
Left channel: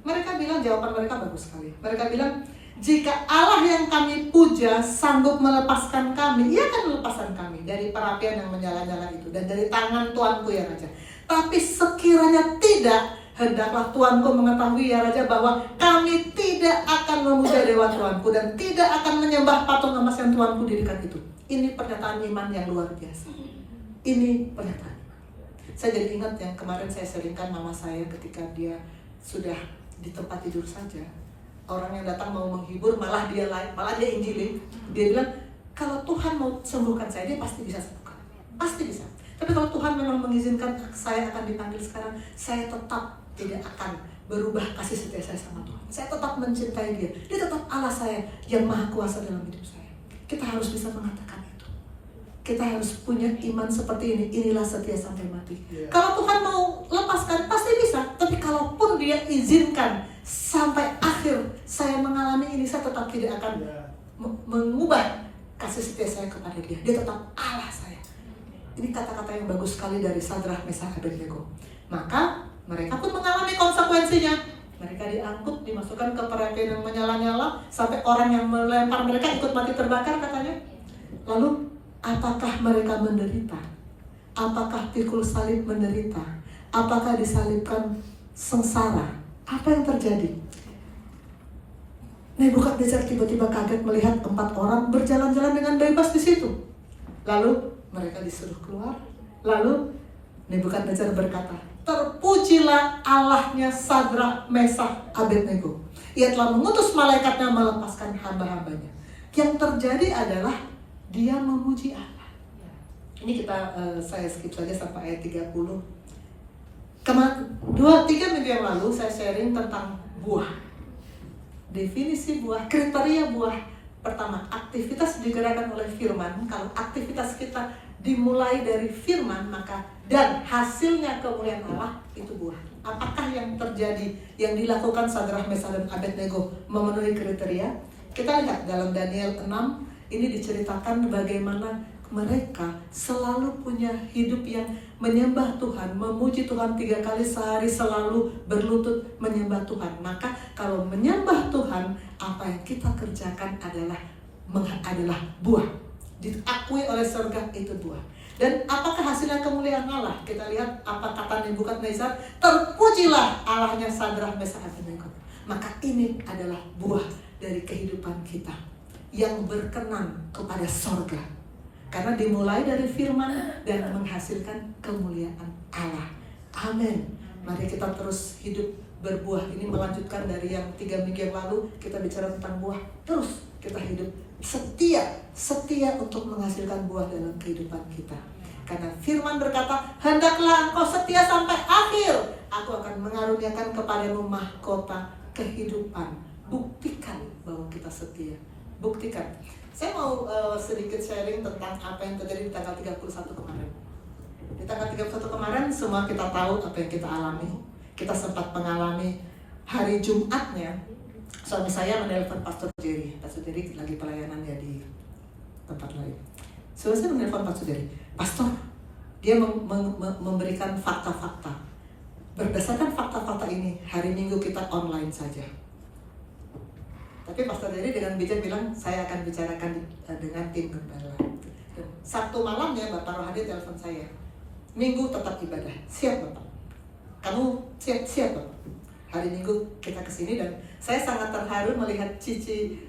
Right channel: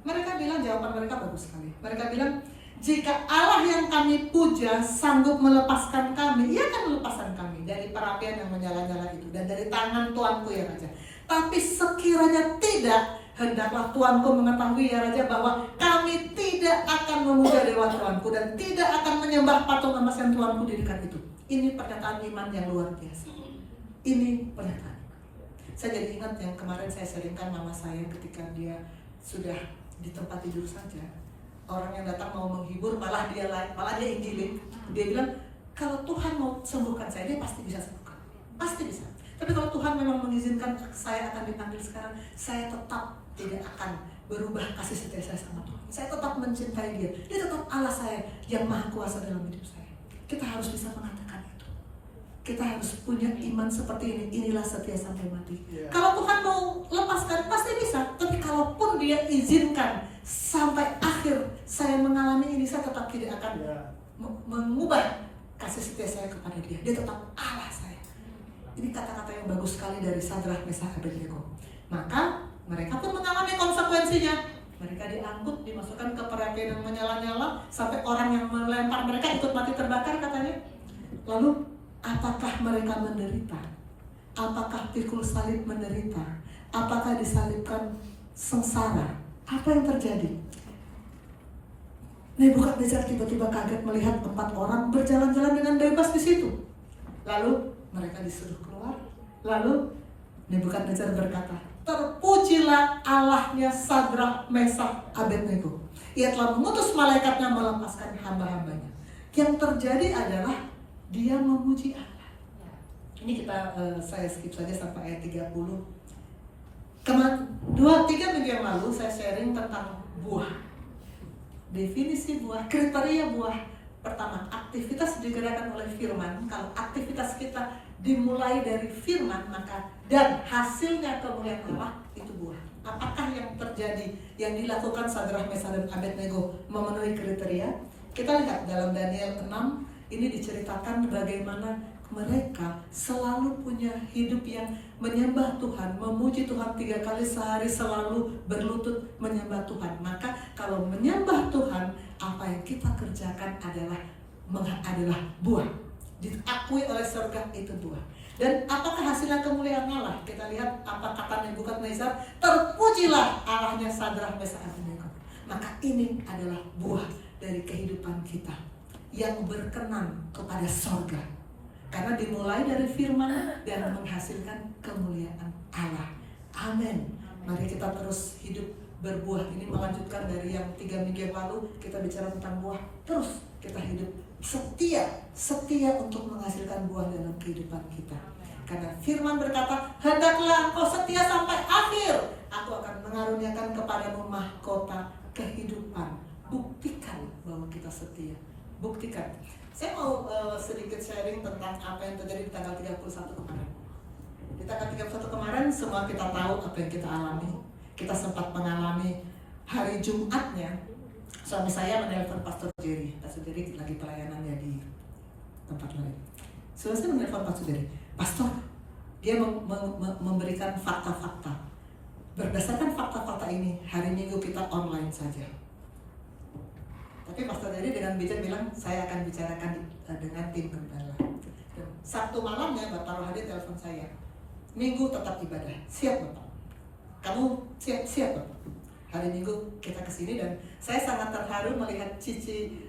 Mereka bilang, jawaban mereka bagus sekali. Mereka bilang, jika Allah yang kami puja sanggup melepaskan kami, ia akan melepaskan kami dari perapian yang menyala-nyala itu dan dari tangan Tuanku ya Raja. Tapi sekiranya tidak, hendaklah Tuanku mengetahui ya Raja bahwa kami tidak akan memuja dewa Tuanku dan tidak akan menyembah patung emas yang Tuanku dirikan itu. Ini pernyataan iman yang luar biasa. Ini pernyataan. Saya jadi ingat yang kemarin saya sharingkan mama saya ketika dia sudah di tempat tidur saja. Orang yang datang mau menghibur malah dia injilin. Dia bilang, kalau Tuhan mau sembuhkan saya, dia pasti bisa sembuhkan. Pasti bisa. Tapi kalau Tuhan memang mengizinkan saya akan dipanggil sekarang, saya tetap tidak akan berubah kasih setia saya sama Tuhan. Saya tetap mencintai dia. Dia tetap Allah saya yang maha kuasa dalam hidup saya. Kita harus bisa mengatakan itu. Kita harus punya iman seperti ini. Inilah setia sampai mati. Kalau Tuhan mau lepaskan, pasti bisa. Tapi kalaupun dia izinkan sampai akhir saya mengalami ini, saya tetap tidak akan mengubah kasih setia saya kepada dia. Dia tetap Allah saya. Ini kata-kata yang bagus sekali dari Sadrak, Mesakh, Abednego. Maka mereka pun mengalami konsekuensinya. Mereka diangkut, dimasukkan ke perapian yang menyala-nyala, sampai orang yang melempar mereka ikut mati terbakar katanya. Lalu apakah mereka menderita? Apakah pikul salib menderita? Apakah disalibkan sengsara? Apa yang terjadi? Nebukadnezar tiba-tiba kaget melihat 4 orang berjalan-jalan dengan bebas di situ. Lalu mereka disuruh keluar. Lalu Nebukadnezar berkata, terpujilah Allahnya Sadrak, Mesakh, Abednego. Ia telah mengutus malaikatnya melepaskan hamba-hambanya. Yang terjadi adalah dia memuji Allah. Ini saya skip saja sampai ayat 30. 2-3 minggu yang lalu saya sharing tentang buah. Definisi buah, kriteria buah. Pertama, aktivitas digerakkan oleh firman. Kalau aktivitas kita dimulai dari firman, maka dan hasilnya kemuliaan Allah, itu buah. Apakah yang terjadi, yang dilakukan Sadrak, Mesakh, dan Abednego memenuhi kriteria? Kita lihat dalam Daniel 6, ini diceritakan bagaimana mereka selalu punya hidup yang menyembah Tuhan, memuji Tuhan 3 kali sehari, selalu berlutut menyembah Tuhan. Maka kalau menyembah Tuhan, apa yang kita kerjakan adalah buah. Diakui oleh surga, itu buah. Dan apakah hasilnya kemuliaan Allah? Kita lihat apa kata Nebukadnezar, terpujilah Allahnya Sadrak, Mesakh, Abednego. Maka ini adalah buah dari kehidupan kita yang berkenan kepada surga. Karena dimulai dari firman dan menghasilkan kemuliaan Allah. Amin. Mari kita terus hidup berbuah. Ini melanjutkan dari yang 3 minggu yang lalu kita bicara tentang buah. Terus kita hidup setia untuk menghasilkan buah dalam kehidupan kita. Karena firman berkata, hendaklah engkau setia sampai akhir. Aku akan mengaruniakan kepadamu mahkota kehidupan. Buktikan bahwa kita setia. Buktikan. Saya mau sedikit sharing tentang apa yang terjadi di tanggal 31 kemarin. Di tanggal 31 kemarin semua kita tahu apa yang kita alami. Kita sempat mengalami hari Jumatnya. Suami saya menelpon Pastor Jerry. Pastor Jerry lagi pelayanannya di tempat lain. Suami saya menelpon Pastor Jerry. Pastor, dia memberikan fakta-fakta. Berdasarkan fakta-fakta ini, hari Minggu kita online saja. Tapi Pastor Jerry dengan bijak bilang, saya akan bicarakan dengan tim gembala. Sabtu malamnya Bapak Rohadi telepon saya. Minggu tetap ibadah. Siap Bapak? Kamu siap Bapak? Hari Minggu kita kesini dan saya sangat terharu melihat Cici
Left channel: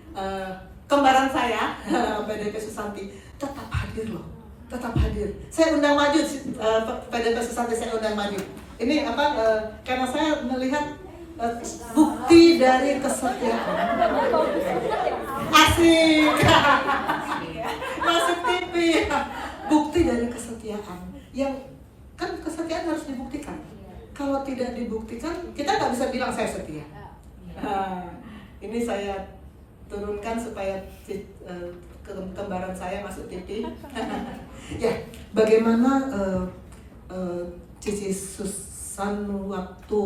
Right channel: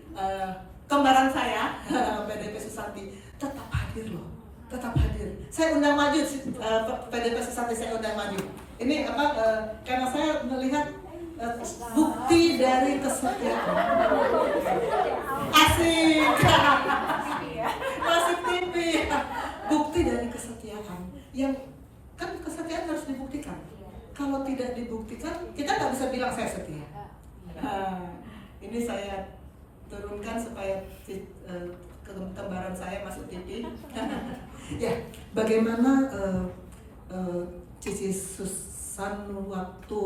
kembaran saya, PDP Susanti, tetap hadir loh. Tetap hadir. Saya undang maju, PDP Susanti saya undang maju. Ini karena saya melihat bukti dari kesetiaan. Asik. Masuk TV. Bukti dari kesetiaan. Yang kan kesetiaan harus dibuktikan. Kalau tidak dibuktikan, kita nggak bisa bilang saya setia. Ini saya turunkan supaya kembaran saya masuk TV. Ya, bagaimana Cici Susan waktu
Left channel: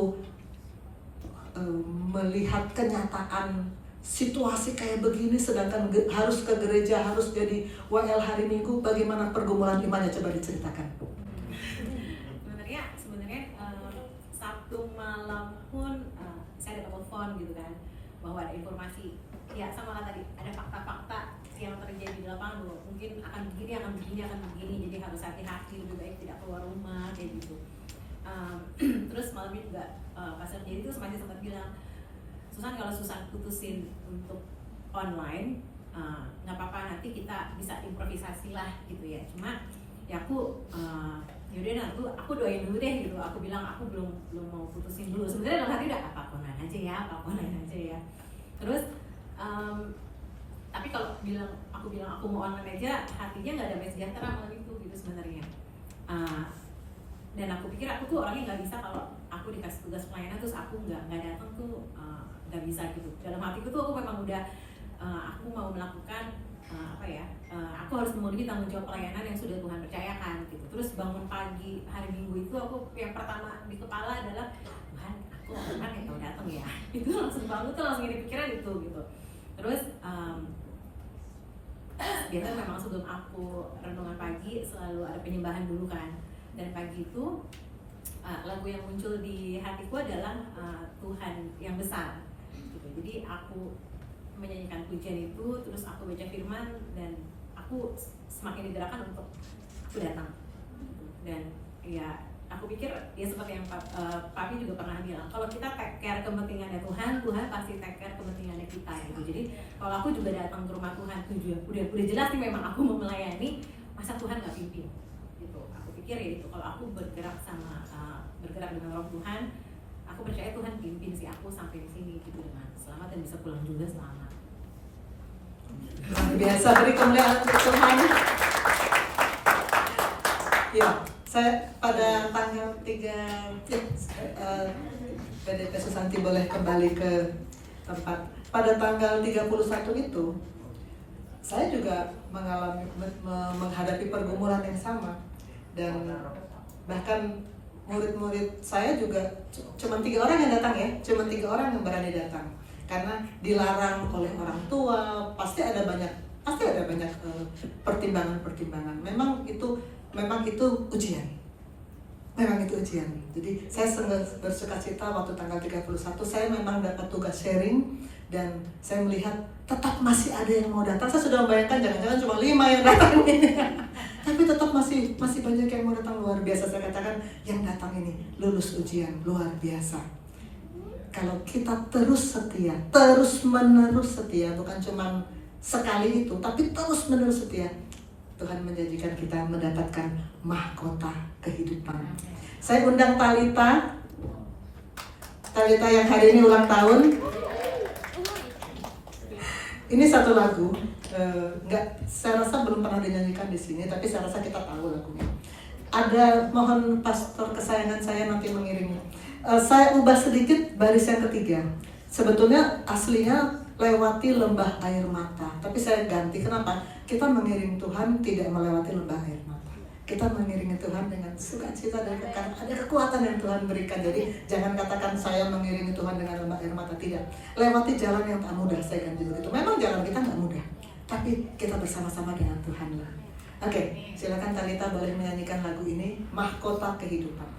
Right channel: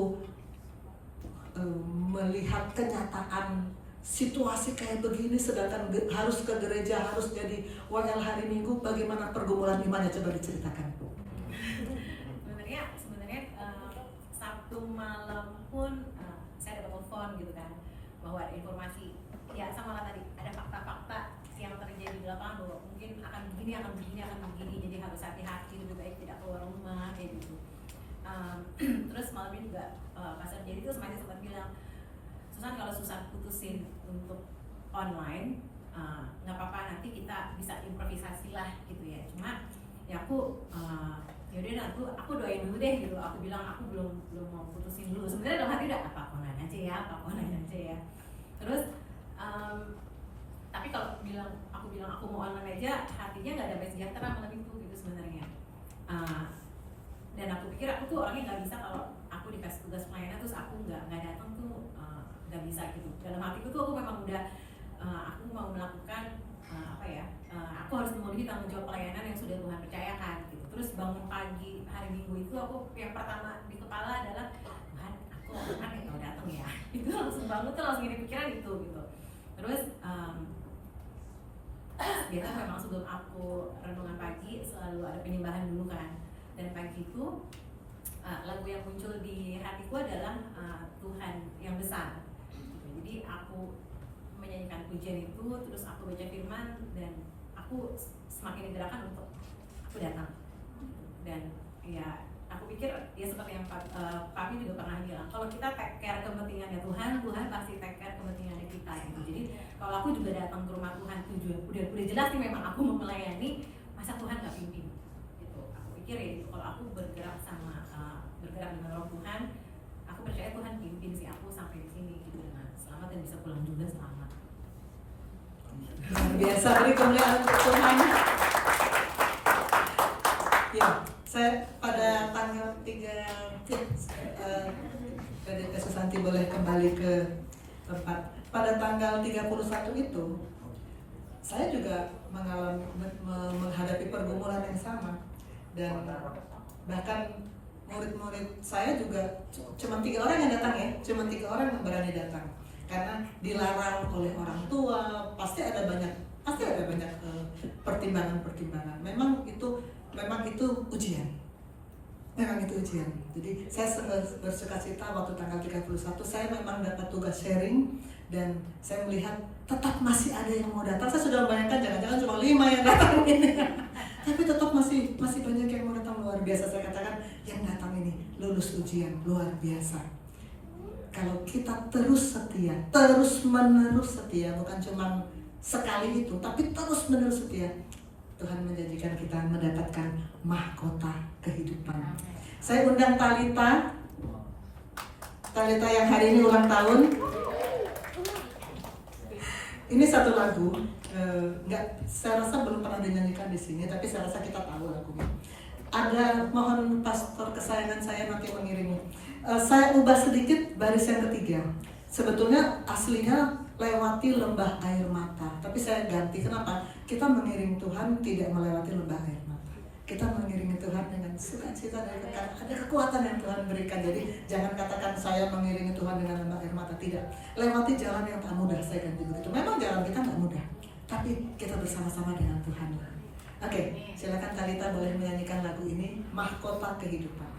melihat kenyataan situasi kayak begini, sedangkan harus ke gereja, harus jadi WL hari Minggu, bagaimana pergumulan imannya, coba diceritakan. Sebenarnya Sabtu malam pun saya dapat telepon gitu kan, bahwa ada informasi, ya sama lah tadi, ada fakta-fakta yang terjadi di lapangan bahwa mungkin akan begini, jadi harus hati-hati, lebih baik tidak keluar rumah kayak gitu. Terus malam ini juga Pastor Jerry itu sempat bilang, Susan kalau susah putusin untuk online, nggak apa-apa, nanti kita bisa improvisasi lah gitu ya. Cuma ya yaudah aku doain dulu deh gitu. Aku bilang aku belum mau putusin dulu. Sebenarnya dalam hati udah apa online aja ya. Terus tapi kalau aku bilang aku mau online aja, hatinya nggak damai sejahtera malam itu gitu sebenarnya. Dan aku pikir aku tuh orangnya nggak bisa kalau aku dikasih tugas pelayanan terus aku nggak datang tuh nggak bisa gitu. Dalam hatiku tuh aku memang udah aku mau melakukan aku harus memenuhi tanggung jawab pelayanan yang sudah Tuhan percayakan gitu. Terus bangun pagi hari Minggu itu aku yang pertama di kepala adalah Tuhan, aku kan yang mau datang ya. Itu langsung bangun tuh langsung ini pikiran itu gitu. Terus biasanya memang sebelum aku renungan pagi selalu ada penyembahan dulu kan. Dan pagi itu lagu yang muncul di hatiku adalah Tuhan yang besar gitu. Jadi aku menyanyikan pujian itu, terus aku baca firman dan aku semakin digerakkan untuk aku datang. Dan ya aku pikir ya seperti yang Papi juga pernah bilang, kalau kita take care kepentingannya Tuhan pasti take care kepentingannya kita gitu. Jadi kalau aku juga datang ke rumah Tuhan tujuan udah jelas nih memang aku mau melayani, masa Tuhan gak pimpin gitu. Aku pikir ya gitu, kalau aku bergerak dengan Roh Tuhan, aku percaya Tuhan pimpin sih aku sampai di sini gitu dengan selamat dan bisa pulang juga selamat. Biasa beri kemuliaan untuk Tuhan. Ya, saya pada tanggal 3 PDP Susanti boleh kembali ke tempat. Pada tanggal 31 itu saya juga menghadapi pergumulan yang sama, dan bahkan murid-murid saya juga cuma 3 orang yang datang ya, cuma 3 orang yang berani datang karena dilarang oleh orang tua. Pasti ada banyak pertimbangan. Memang itu ujian. Jadi saya bersukacita waktu tanggal 31 saya memang dapat tugas sharing dan saya melihat tetap masih ada yang mau datang. Saya sudah membayangkan jangan-jangan cuma 5 yang datang ini. Tapi tetap masih banyak yang mau datang, luar biasa. Saya katakan yang datang ini lulus ujian luar biasa. Kalau kita terus setia, terus menerus setia, bukan cuma sekali itu, tapi terus menerus setia, Tuhan menjanjikan kita mendapatkan mahkota kehidupan. Saya undang Talita yang hari ini ulang tahun. Ini satu lagu, saya rasa belum pernah dinyanyikan di sini, tapi saya rasa kita tahu lagunya. Ada, mohon pastor kesayangan saya nanti mengirimnya. Saya ubah sedikit baris yang ketiga. Sebetulnya aslinya lewati lembah air mata, tapi saya ganti. Kenapa? Kita mengiring Tuhan tidak melewati lembah air mata. Kita mengiringi Tuhan dengan sukacita dan ada kekuatan yang Tuhan berikan. Jadi jangan katakan saya mengiringi Tuhan dengan lembah air mata, tidak. Lewati jalan yang tak mudah, saya ganti begitu. Memang jalan kita nggak mudah, tapi kita bersama-sama dengan Tuhan. Oke, silakan Talita boleh menyanyikan lagu ini, Mahkota Kehidupan.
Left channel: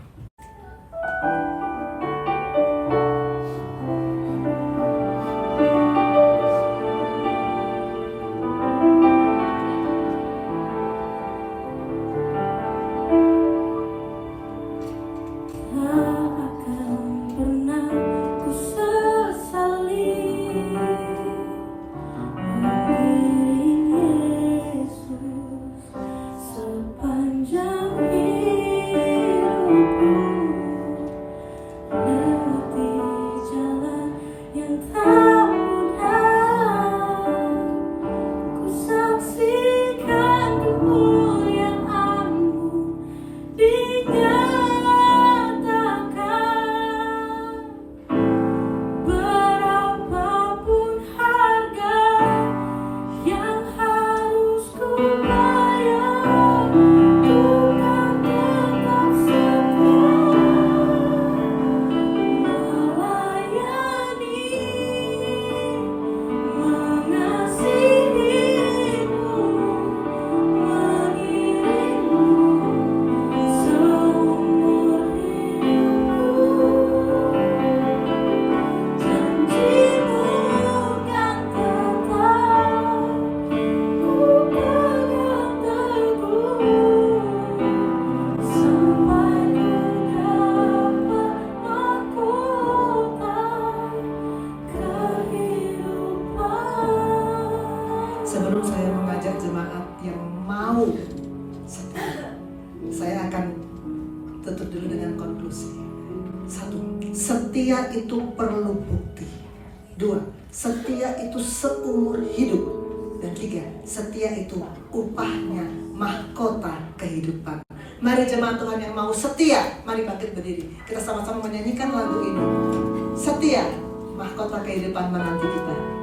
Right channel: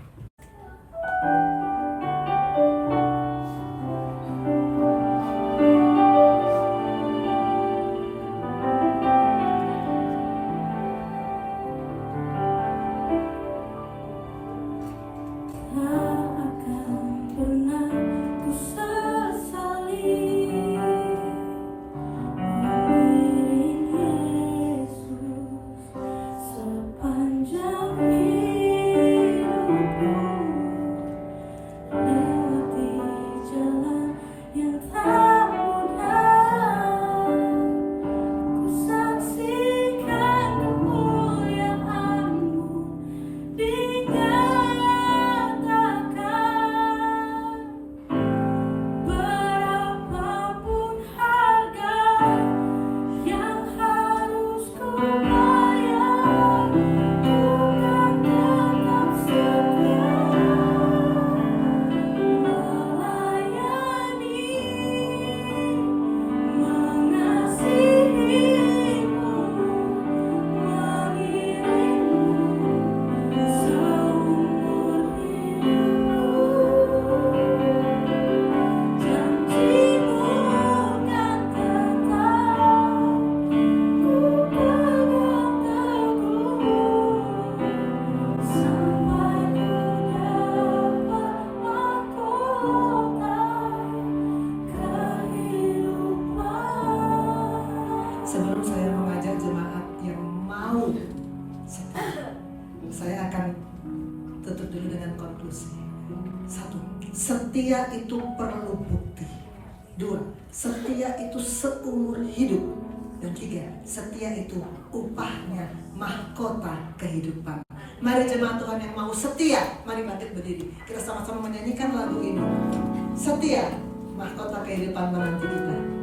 setia itu perlu bukti. 2, setia itu seumur hidup. Dan 3, setia itu upahnya mahkota kehidupan. Mari jemaat Tuhan yang mau setia, mari bangkit berdiri. Kita sama-sama menyanyikan lagu ini. Setia, mahkota kehidupan menanti kita.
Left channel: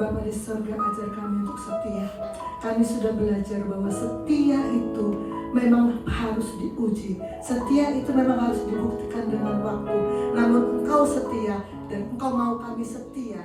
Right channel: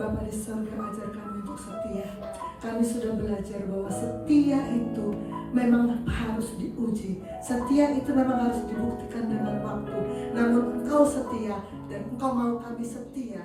Bapa di surga, ajar kami untuk setia. Kami sudah belajar bahwa setia itu memang harus diuji. Setia itu memang harus dibuktikan dengan waktu. Namun Engkau setia dan Engkau mau kami setia